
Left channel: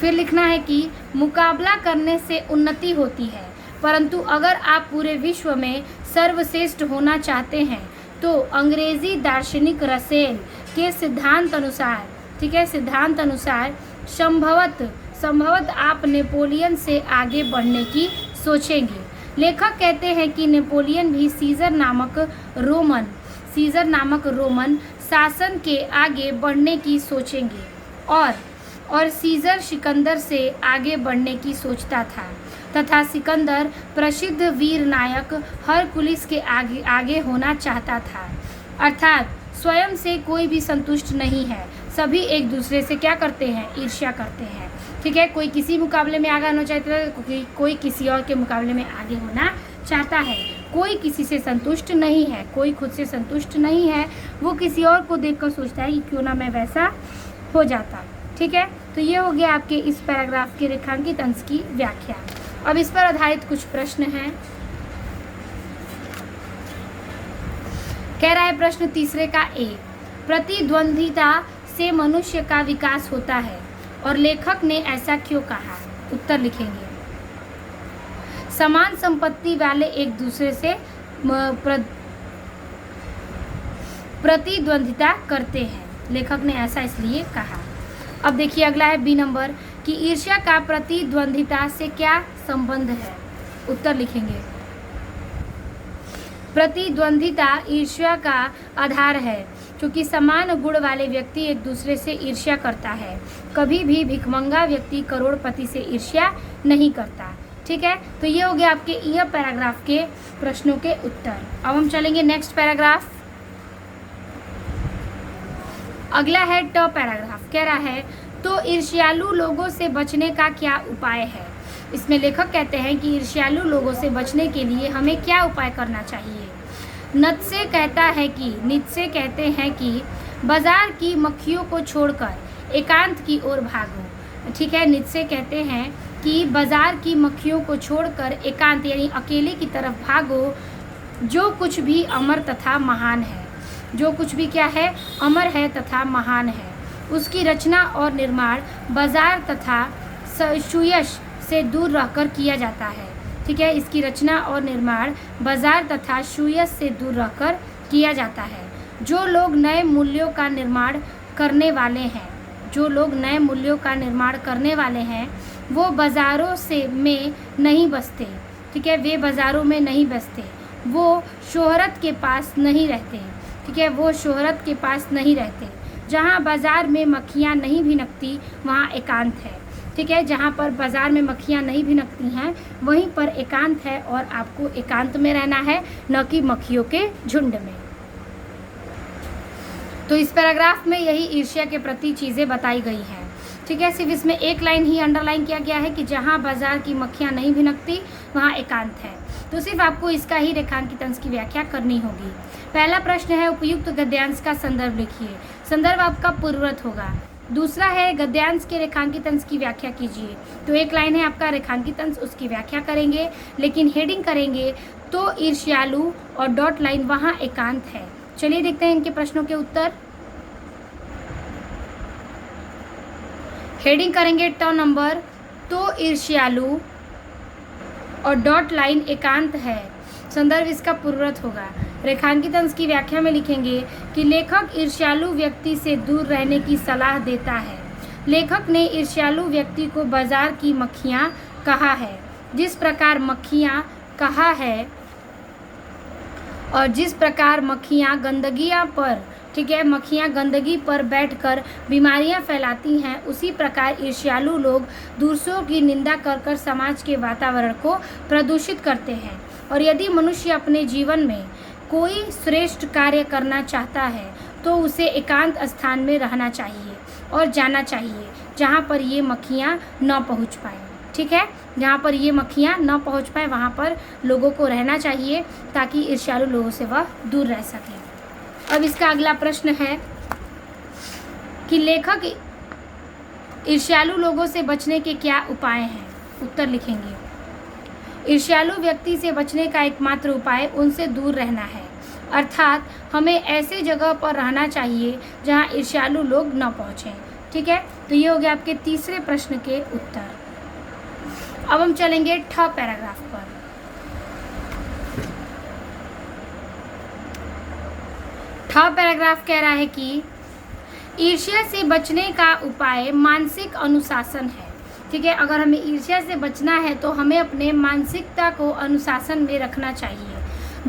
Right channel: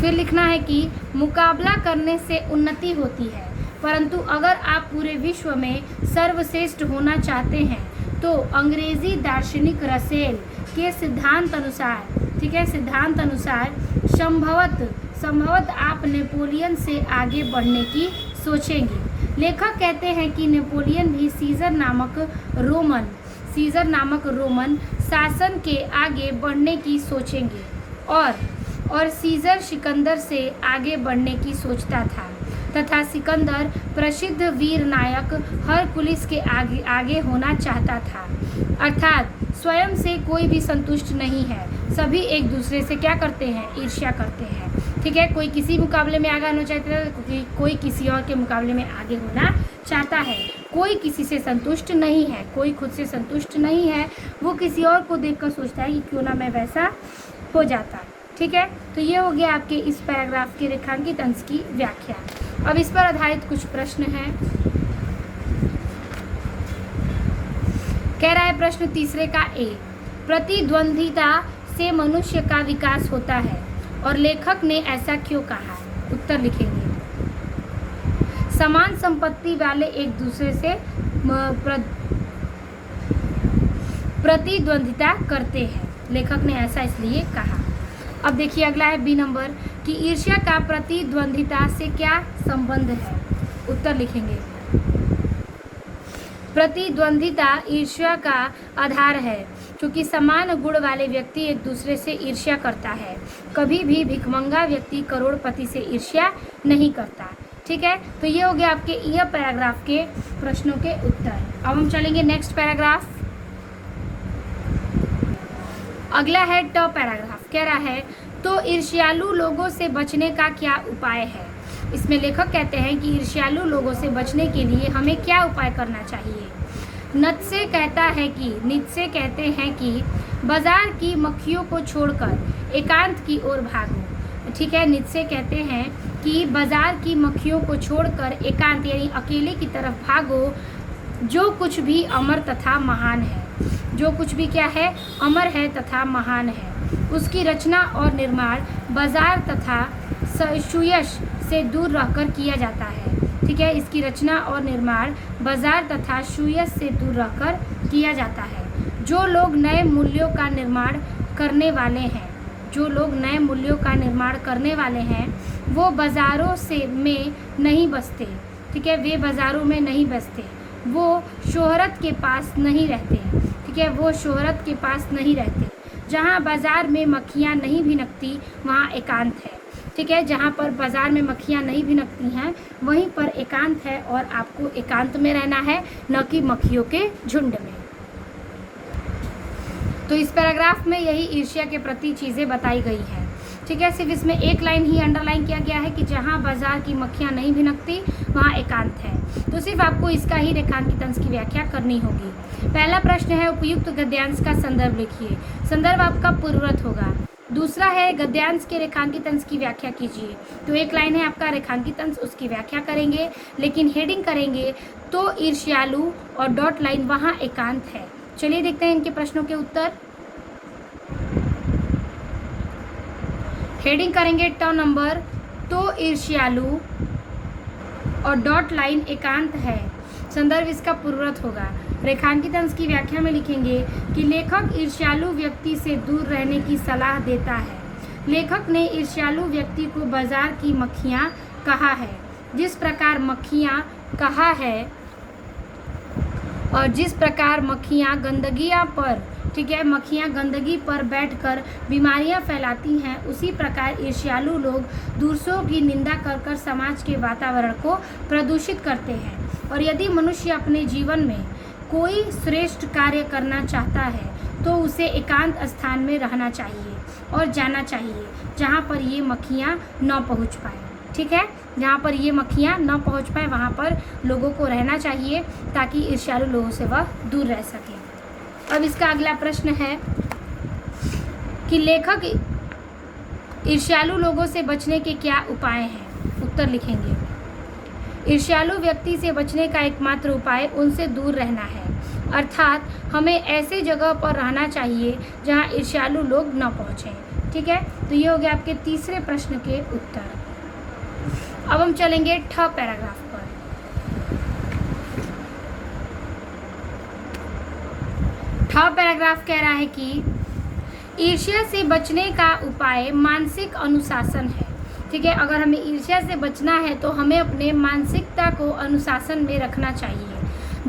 फिर लिखना है कि मुकाबला करने से उन्नति होती है, परंतु अगर आप पूरे विश्व में सर्वश्रेष्ठ होना चाहते हैं तो अंग्रेजी दार्शनिक रसेल के सिद्धांत अनुसार, ठीक है, सिद्धांत अनुसार संभवत आप नेपोलियन से आगे बढ़ने की सोचेंगे। लेखक कहते हैं कि नेपोलियन भी सीजर नामक रोमन शासन के आगे बढ़ने की सोचेंगे और सीजर सिकंदर से आगे बढ़ने की सोचता था, तथा सिकंदर प्रसिद्ध वीर नायक हरकुलिस के आगे होना चाहता था। अर्थात स्वयं से कोई भी संतुष्ट नहीं है, सभी एक दूसरे से क्या करते हैं, ईर्ष्या करते हैं। ठीक है, कोई किसी मुकाबले में आगे होना चाहता है, कोई किसी और के मुकाबले में आगे होना चाहता है। कोई किसी से संतुष्ट नहीं है, कोई खुद से संतुष्ट नहीं है, वो किसी और को देखकर सोचता है कि क्यों ना मैं वैसा हो जाता। ठीक है, तो ये हो गया आपके इस पैराग्राफ के रेखांकित अंश की व्याख्या। अब इस पर आधारित कुछ प्रश्न हैं। कह रहा है प्रश्न तीसरे का ए, प्रतिद्वंद्विता से मनुष्य का विकास होता है और लेखक ने ऐसा क्यों कहा। उत्तर लिखेंगे, समान संपत्ति वाले एक दूसरे से प्रतिद्वंद्विता करते हैं, लेखक ने ऐसा इसलिए कहा। अब देखिए अगला है बी नंबर कि ईर्ष्या का प्रतिद्वंद्विता से क्या संबंध है। उत्तर लिखेंगे, प्रतिद्वंद्विता ईर्ष्या का आधार है, क्योंकि समान गुण वाले व्यक्ति एक दूसरे से ईर्ष्या करता है। कभी भी भिखमंगा व्यक्ति करोड़पति से ईर्ष्या नहीं करता। ठीक है, तो ये हो गया आपके यह पैराग्राफ के प्रश्नों के उत्तर। अब हम चलेंगे नेक्स्ट पैराग्राफ। अगला है ट पैराग्राफ। कह रहा है तो ईर्ष्यालु लोगों से बचने का क्या उपाय है। इसमें लेखक कहते हैं कि ईर्ष्यालु लोगों से बचने के लिए हमें क्या उपाय करना चाहिए। नीत्शे कहते हैं कि बाजार की मक्खियों को छोड़कर एकांत की ओर भागो। ठीक है, नीत्शे कहते हैं कि बाजार की मक्खियों को छोड़कर एकांत यानी अकेले की तरफ भागो। जो कुछ भी अमर तथा महान है, जो कुछ भी क्या है, अमर है तथा महान है, उसकी रचना और निर्माण बाजार तथा सुयश से दूर रहकर किया जाता है। ठीक है, इसकी रचना और निर्माण बाजार तथा सुयश से दूर रहकर किया जाता है। जो लोग नए मूल्यों का निर्माण करने वाले हैं, जो लोग नए मूल्यों का निर्माण करने वाले हैं, वो बाज़ारों से में नहीं बसते। ठीक है, वे बाज़ारों में नहीं बसते, वो शोहरत के पास नहीं रहते। ठीक है, वो शोहरत के पास नहीं रहते। जहाँ बाज़ार में मक्खियाँ नहीं भिनकती वहाँ एकांत है। ठीक है, जहाँ पर बाज़ार में मक्खियाँ नहीं भिनकती हैं वहीं पर एकांत है, और आपको एकांत में रहना है, न कि मक्खियों के झुंड में। तो इस पैराग्राफ में यही ईर्ष्या के प्रति चीज़ें बताई गई हैं। ठीक है, सिर्फ इसमें एक लाइन ही अंडरलाइन किया गया है कि जहाँ बाजार की मक्खियाँ नहीं भिनकती वहाँ एकांत है। तो सिर्फ आपको इसका ही रेखांकित अंश की व्याख्या करनी होगी। पहला प्रश्न है, उपयुक्त गद्यांश का संदर्भ लिखिए। संदर्भ आपका पूर्ववत होगा। दूसरा है, गद्यांश के रेखांकित अंश की व्याख्या कीजिए। तो एक लाइन है आपका रेखांकित अंश, उसकी व्याख्या करेंगे, लेकिन हेडिंग करेंगे तो ईर्ष्यालु और डॉट लाइन वहाँ एकांत है। चलिए देखते हैं इनके प्रश्नों के उत्तर। हेडिंग करेंगे टर्म नंबर, तो ईर्ष्यालु और डॉट लाइन एकांत है। संदर्भ इसका पूर्ववत होगा। रेखांकित अंश की व्याख्या में लिखेंगे कि लेखक ईर्ष्यालु व्यक्ति से दूर रहने की सलाह देता है। लेखक ने ईर्ष्यालु व्यक्ति को बाजार की मक्खियाँ कहा है। जिस प्रकार मक्खियाँ कहा है और जिस प्रकार मक्खियाँ गंदगियाँ पर, ठीक है, मक्खियाँ गंदगी पर बैठकर बीमारियाँ फैलाती हैं, उसी प्रकार ईर्ष्यालु लोग दूसरों की निंदा कर कर समाज के वातावरण को प्रदूषित करते हैं। और यदि मनुष्य अपने जीवन में कोई श्रेष्ठ कार्य करना चाहता है तो उसे एकांत स्थान में रहना चाहिए और जाना चाहिए जहाँ पर ये मक्खियाँ न पहुँच पाएँ। ठीक है, जहाँ पर ये मक्खियाँ न पहुँच पाए वहाँ पर लोगों को रहना चाहिए ताकि ईर्ष्यालु लोगों से वह दूर रह सके। अब इसका अगला प्रश्न है कि लेखक ईर्ष्यालु लोगों से बचने के क्या उपाय हैं। उत्तर लिखेंगे, ईर्ष्यालु व्यक्ति से बचने का एकमात्र उपाय उनसे दूर रहना है, अर्थात हमें ऐसे जगह पर रहना चाहिए जहाँ ईर्ष्यालु लोग न पहुँचें। ठीक है, तो ये हो गया आपके तीसरे प्रश्न के उत्तर। अब हम चलेंगे ठ पैराग्राफ पर। ठ पैराग्राफ कह रहा है कि ईर्ष्या से बचने का उपाय मानसिक अनुशासन है। ठीक है, अगर हमें ईर्ष्या से बचना है तो हमें अपने मानसिकता को अनुशासन में रखना चाहिए।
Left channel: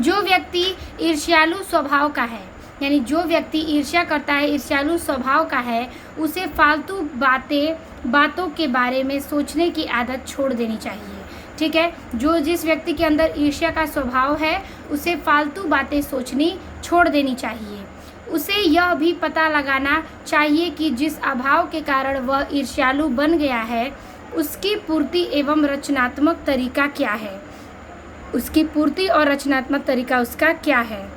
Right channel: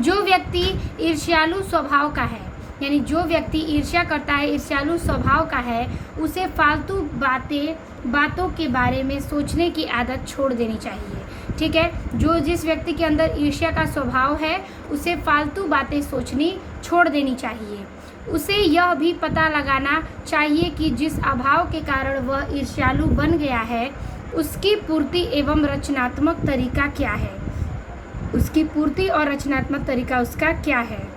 जो व्यक्ति ईर्ष्यालु स्वभाव का है, यानी जो व्यक्ति ईर्ष्या करता है, ईर्ष्यालु स्वभाव का है, उसे फालतू बातों के बारे में सोचने की आदत छोड़ देनी चाहिए। ठीक है, जिस व्यक्ति के अंदर ईर्ष्या का स्वभाव है उसे फालतू बातें सोचनी छोड़ देनी चाहिए। उसे यह भी पता लगाना चाहिए कि जिस अभाव के कारण वह ईर्ष्यालु बन गया है उसकी पूर्ति एवं रचनात्मक तरीका क्या है। उसकी पूर्ति और रचनात्मक तरीका उसका क्या है।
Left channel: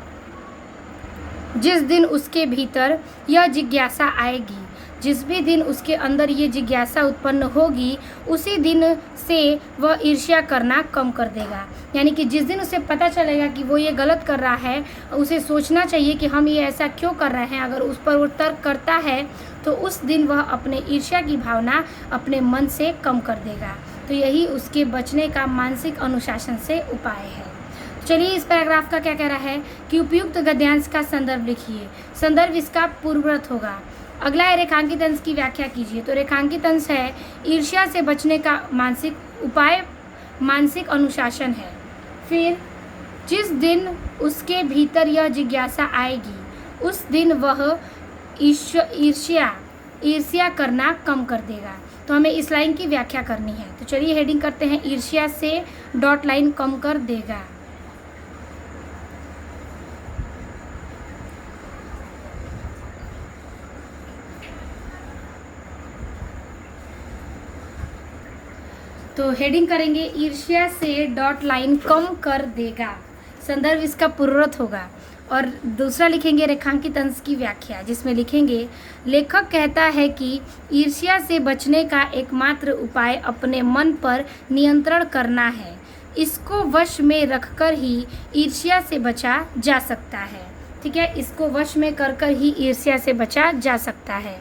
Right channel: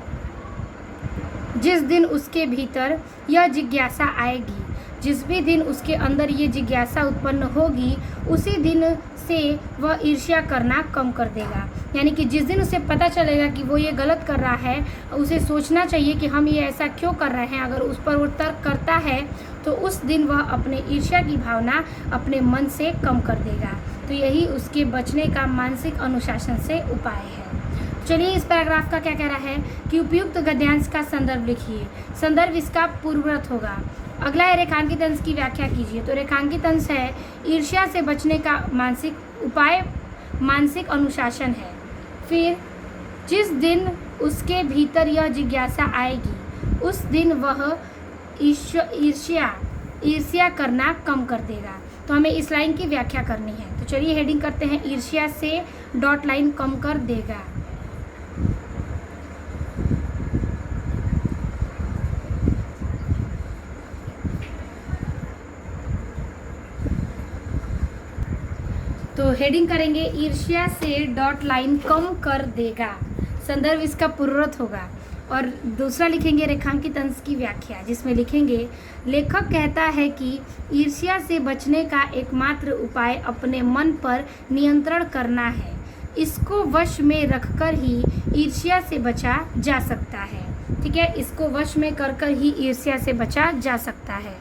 जिस दिन उसके भीतर यह जिज्ञासा आएगी, जिस भी दिन उसके अंदर ये जिज्ञासा उत्पन्न होगी, उसी दिन से वह ईर्ष्या करना कम कर देगा। यानी कि जिस दिन उसे पता चलेगा कि वो ये गलत कर रहा है, उसे सोचना चाहिए कि हम ये ऐसा क्यों कर रहे हैं। अगर उस पर वो तर्क करता है तो उस दिन वह अपने ईर्ष्या की भावना अपने मन से कम कर देगा। तो यही उसके बचने का मानसिक अनुशासन से उपाय है। चलिए इस पैराग्राफ का क्या कह रहा है कि उपयुक्त गद्यांश का संदर्भ लिखिए। संदर्भ इसका पूर्ववत होगा। अगला है रेखांकित अंश की व्याख्या कीजिए। तो रेखांकित अंश है ईर्ष्या से बचने का मानसिक उपाय मानसिक अनुशासन है। फिर जिस दिन उसके भीतर यह जिज्ञासा आएगी उस दिन वह ईर्ष्या करना कम कर देगा। तो हमें इस लाइन की व्याख्या करनी है। तो चलिए हेडिंग करते हैं, ईर्ष्या से डॉट लाइन कम कर देगा। तो हेडिंग करेंगे ईर्ष्या से डॉट लाइन कम कर देगा। संदर्भ इसका पूर्ववत होगा। और दूसरा लिखेंगे रेखांकित अंश की व्याख्या, जिसमें लिखेंगे लेखक कहता है कि ईर्ष्या से बचने का एकमात्र उपाय अपने मन पर नियंत्रण करना है। इसको वश में रखकर ही ईर्ष्या से बचा जा सकता है। ठीक है, इसको वश में कर ही ईर्ष्या से बचा जा सकता है।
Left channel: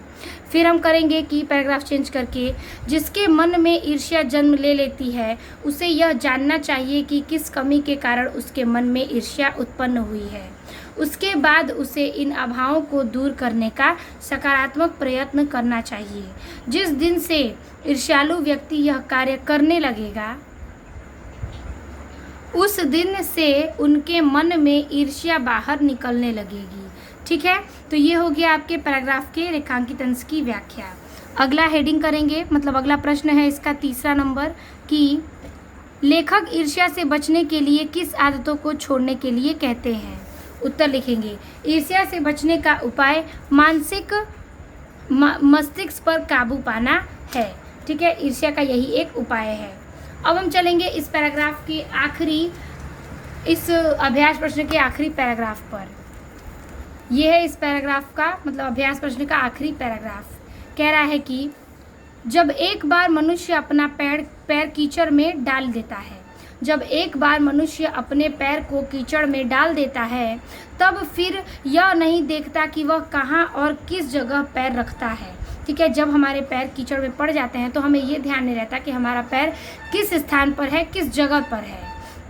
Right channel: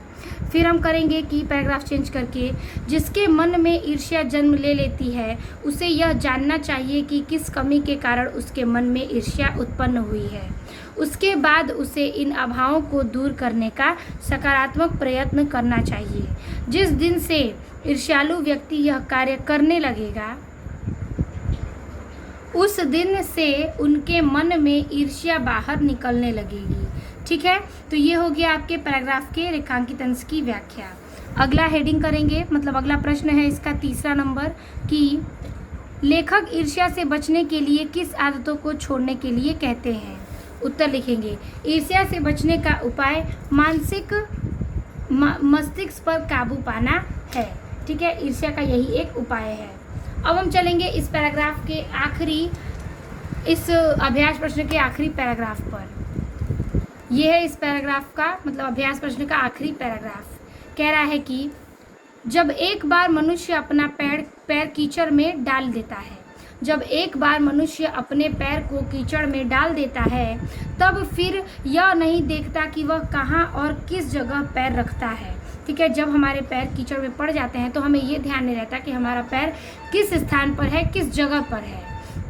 फिर हम करेंगे कि पैराग्राफ चेंज करके, जिसके मन में ईर्ष्या जन्म ले लेती है उसे यह जानना चाहिए कि किस कमी के कारण उसके मन में ईर्ष्या उत्पन्न हुई है। उसके बाद उसे इन अभावों को दूर करने का सकारात्मक प्रयत्न करना चाहिए। जिस दिन से ईर्ष्यालु व्यक्ति यह कार्य करने लगेगा उस दिन से उनके मन में ईर्ष्या बाहर निकलने लगेगी। ठीक है, तो ये हो गया आपके पैराग्राफ के रेखांकित अंश की व्याख्या। अगला हेडिंग करेंगे, मतलब अगला प्रश्न है इसका तीसरा नंबर कि लेखक ईर्ष्या से बचने के लिए किस आदतों को छोड़ने के लिए कहते हैं। उत्तर लिखेंगे, ईर्ष्या से बचने का उपाय मस्तिष्क पर काबू पाना है। ठीक है, ईर्ष्या का यही एक उपाय है। अब हम चलेंगे इस पैराग्राफ के आखिरी, इस अभ्यास प्रश्न के आखिरी पैराग्राफ पर। यह है इस पैराग्राफ का, मतलब अभ्यास प्रश्न का आखिरी पैराग्राफ। कह रहा है कि जब एक बार मनुष्य अपना पैर कीचड़ में डाल देता है, जब एक बार मनुष्य अपने पैर को कीचड़ में डाल देता है तब फिर यह नहीं देखता कि वह कहाँ और किस जगह पैर रखता है। ठीक है, जब हमारे पैर कीचड़ में पड़ जाते हैं तो हमें ये ध्यान नहीं रहता कि हमारा पैर किस स्थान पर है, किस जगह पर है।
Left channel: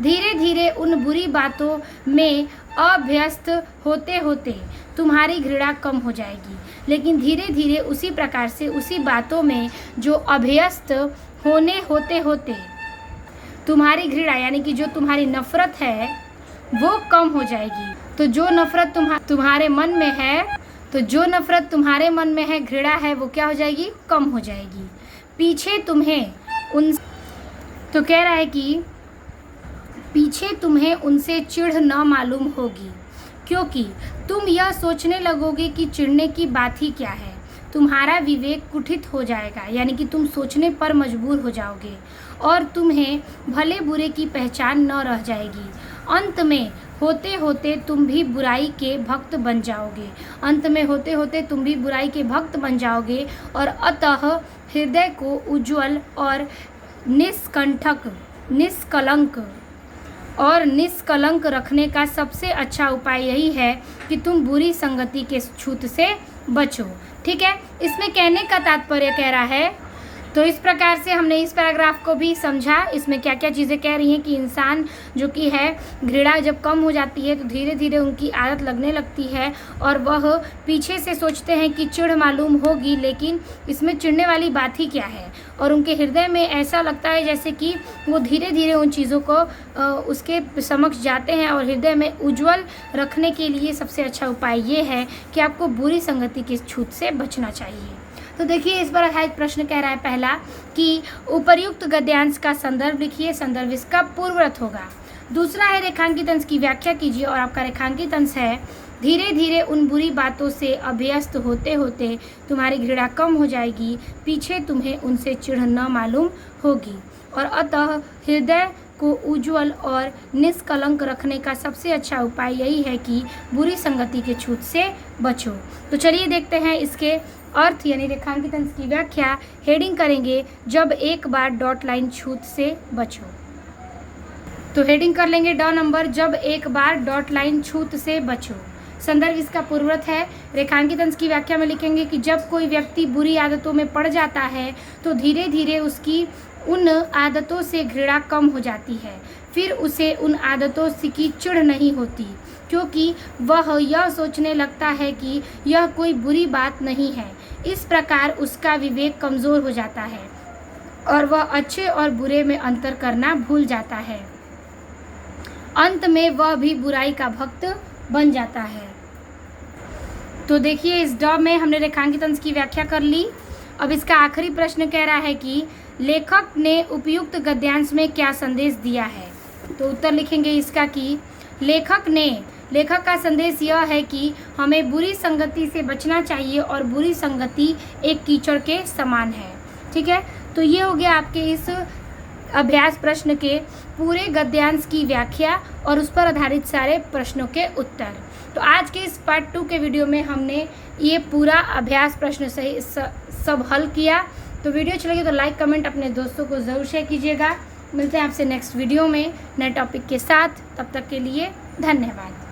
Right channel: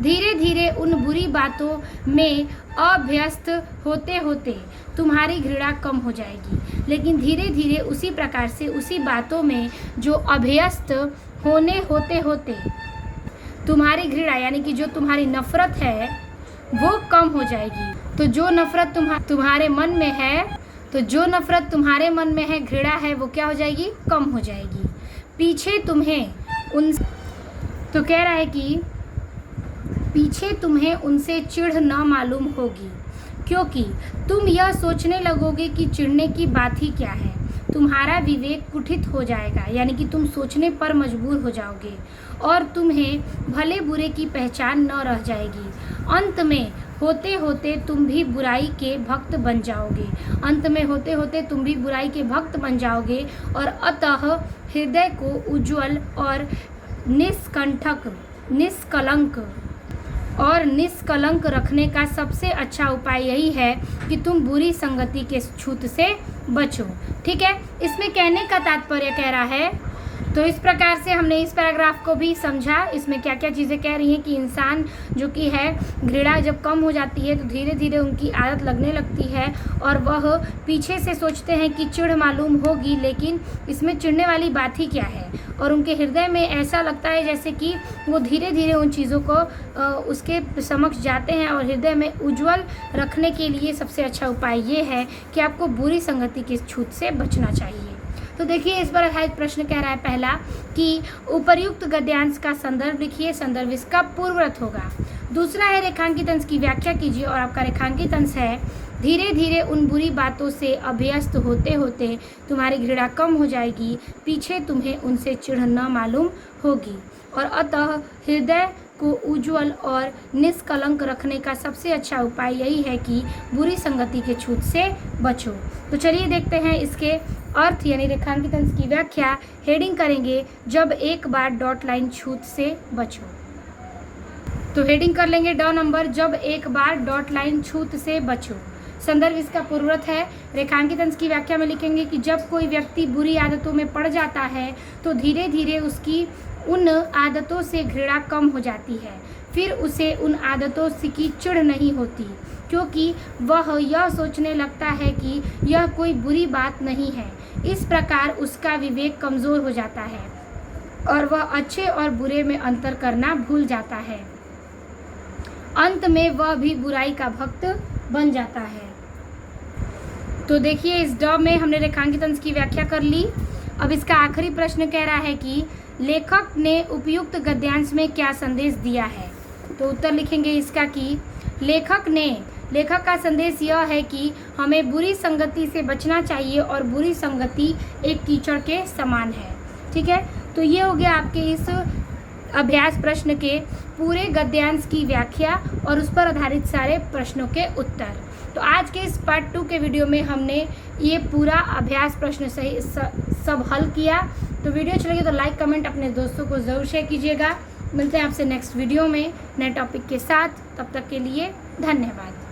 धीरे धीरे उन बुरी बातों में अभ्यस्त होते होते तुम्हारी घृणा कम हो जाएगी, लेकिन धीरे धीरे उसी प्रकार से उसी बातों में जो अभ्यस्त होने होते होते तुम्हारी घृणा यानी कि जो तुम्हारी नफरत है वो कम हो जाएगी। तो जो नफरत तुम्हारे मन में है, तो जो नफरत तुम्हारे मन में है, घृणा है, वो क्या हो जाएगी, कम हो जाएगी। पीछे तुम्हें उनसे चिढ़ न मालूम होगी, क्योंकि तुम यह सोचने लगोगे कि चिढ़ने की बात ही क्या है। तुम्हारा विवेक कुठित हो जाएगा, यानी कि तुम सोचने पर मजबूर हो जाओगे और तुम्हें भले बुरे की पहचान न रह जाएगी। अंत में होते होते तुम भी बुराई के भक्त बन जाओगे। अंत में होते होते तुम भी बुराई के भक्त बन जाओगे और अतः हृदय को उज्जवल और निष्कलंक रखने का सबसे अच्छा उपाय यही है कि तुम बुरी संगति के छूत से बचो। ठीक है, इसमें कहने का तात्पर्य कह रहा है, तो इस प्रकार से हमने इस पैराग्राफ को भी समझा। इसमें क्या क्या चीज़ें कह रही हैं कि इंसान जो कि है, घृणा जब कम हो जाती है तो धीरे धीरे उनकी आदत लगने लगती है और वह पीछे से सोचते हैं कि चिढ़ मालूम होगी, लेकिन इसमें चिढ़ने वाली बात ही क्या है। और उनके हृदय में ऐसा लगता है जैसे कि वो धीरे धीरे उन चीज़ों को उसके समक्ष जाते हैं। और हृदय में उज्जवल रखने के लिए सबसे अच्छा उपाय ये है कि आपको बुरी संगति की छूत से बचना चाहिए। तो देखिए, इस पर आधारित प्रश्न कह रहा है पहला कि उपर्युक्त गद्यांश का संदर्भ लिखिए, संदर्भ इसका पूर्वरत होगा। दूसरा है रेखांकित अंश की व्याख्या कीजिए और आपका रेखांकित अंश है धीरे धीरे उन बुरी बातों से अभ्यस्त होते होते तुम्हारी घृणा कम हो जाएगी, पीछे तुम्हें उनसे चिढ़ न मालूम होगी और अतः हृदय को उज्जवल और निष्कलंक रखने का सबसे अच्छा उपाय यही है कि बुरी संगति के छूत से बचो। तो चलिए देखते हैं इसके अर्थ यानी रेखांकित अंश की व्याख्या। हेडिंग करेंगे, जब एक बार डॉट लाइन छूत से बचो। तो हेडिंग कर लेंगे डॉ नंबर, जब एक बार डॉट लाइन छूत से बचो। संदर्भ इसका पूर्वरत है। रेखांकित अंश की व्याख्या में लिखेंगे कि जब कोई व्यक्ति बुरी आदतों में पड़ जाता है तो धीरे धीरे उसकी उन आदतों से घृणा कम हो जाती है, फिर उसे उन आदतों से की चिढ़ नहीं होती, क्योंकि वह यह सोचने लगता है कि यह कोई बुरी बात नहीं है। इस प्रकार उसका विवेक कमज़ोर हो जाता है और वह अच्छे और बुरे में अंतर करना भूल जाता है। अंत में वह भी बुराई का भक्त बन जाता है। तो देखिए, इस ड में हमने रेखांकित अंश की व्याख्या कर ली। अब इसका आखिरी प्रश्न कह रहा है कि लेखक ने उपयुक्त गद्यांश में क्या संदेश दिया है। तो उत्तर लिखेंगे इसका कि लेखक का संदेश यह है कि हमें बुरी संगति से बचना चाहिए और बुरी संगति एक कीचड़ के समान है। ठीक है, तो ये हो गया आपके इस अभ्यास प्रश्न के पूरे गद्यांश की व्याख्या और उस पर आधारित सारे प्रश्नों के उत्तर। तो आज के इस पार्ट 2 के वीडियो में हमने ये पूरा अभ्यास प्रश्न सब हल किया। तो वीडियो अच्छी लगी तो लाइक कमेंट अपने दोस्तों को ज़रूर शेयर कीजिएगा। मिलते हैं आपसे नेक्स्ट वीडियो में नए टॉपिक के साथ। तब तक के लिए धन्यवाद।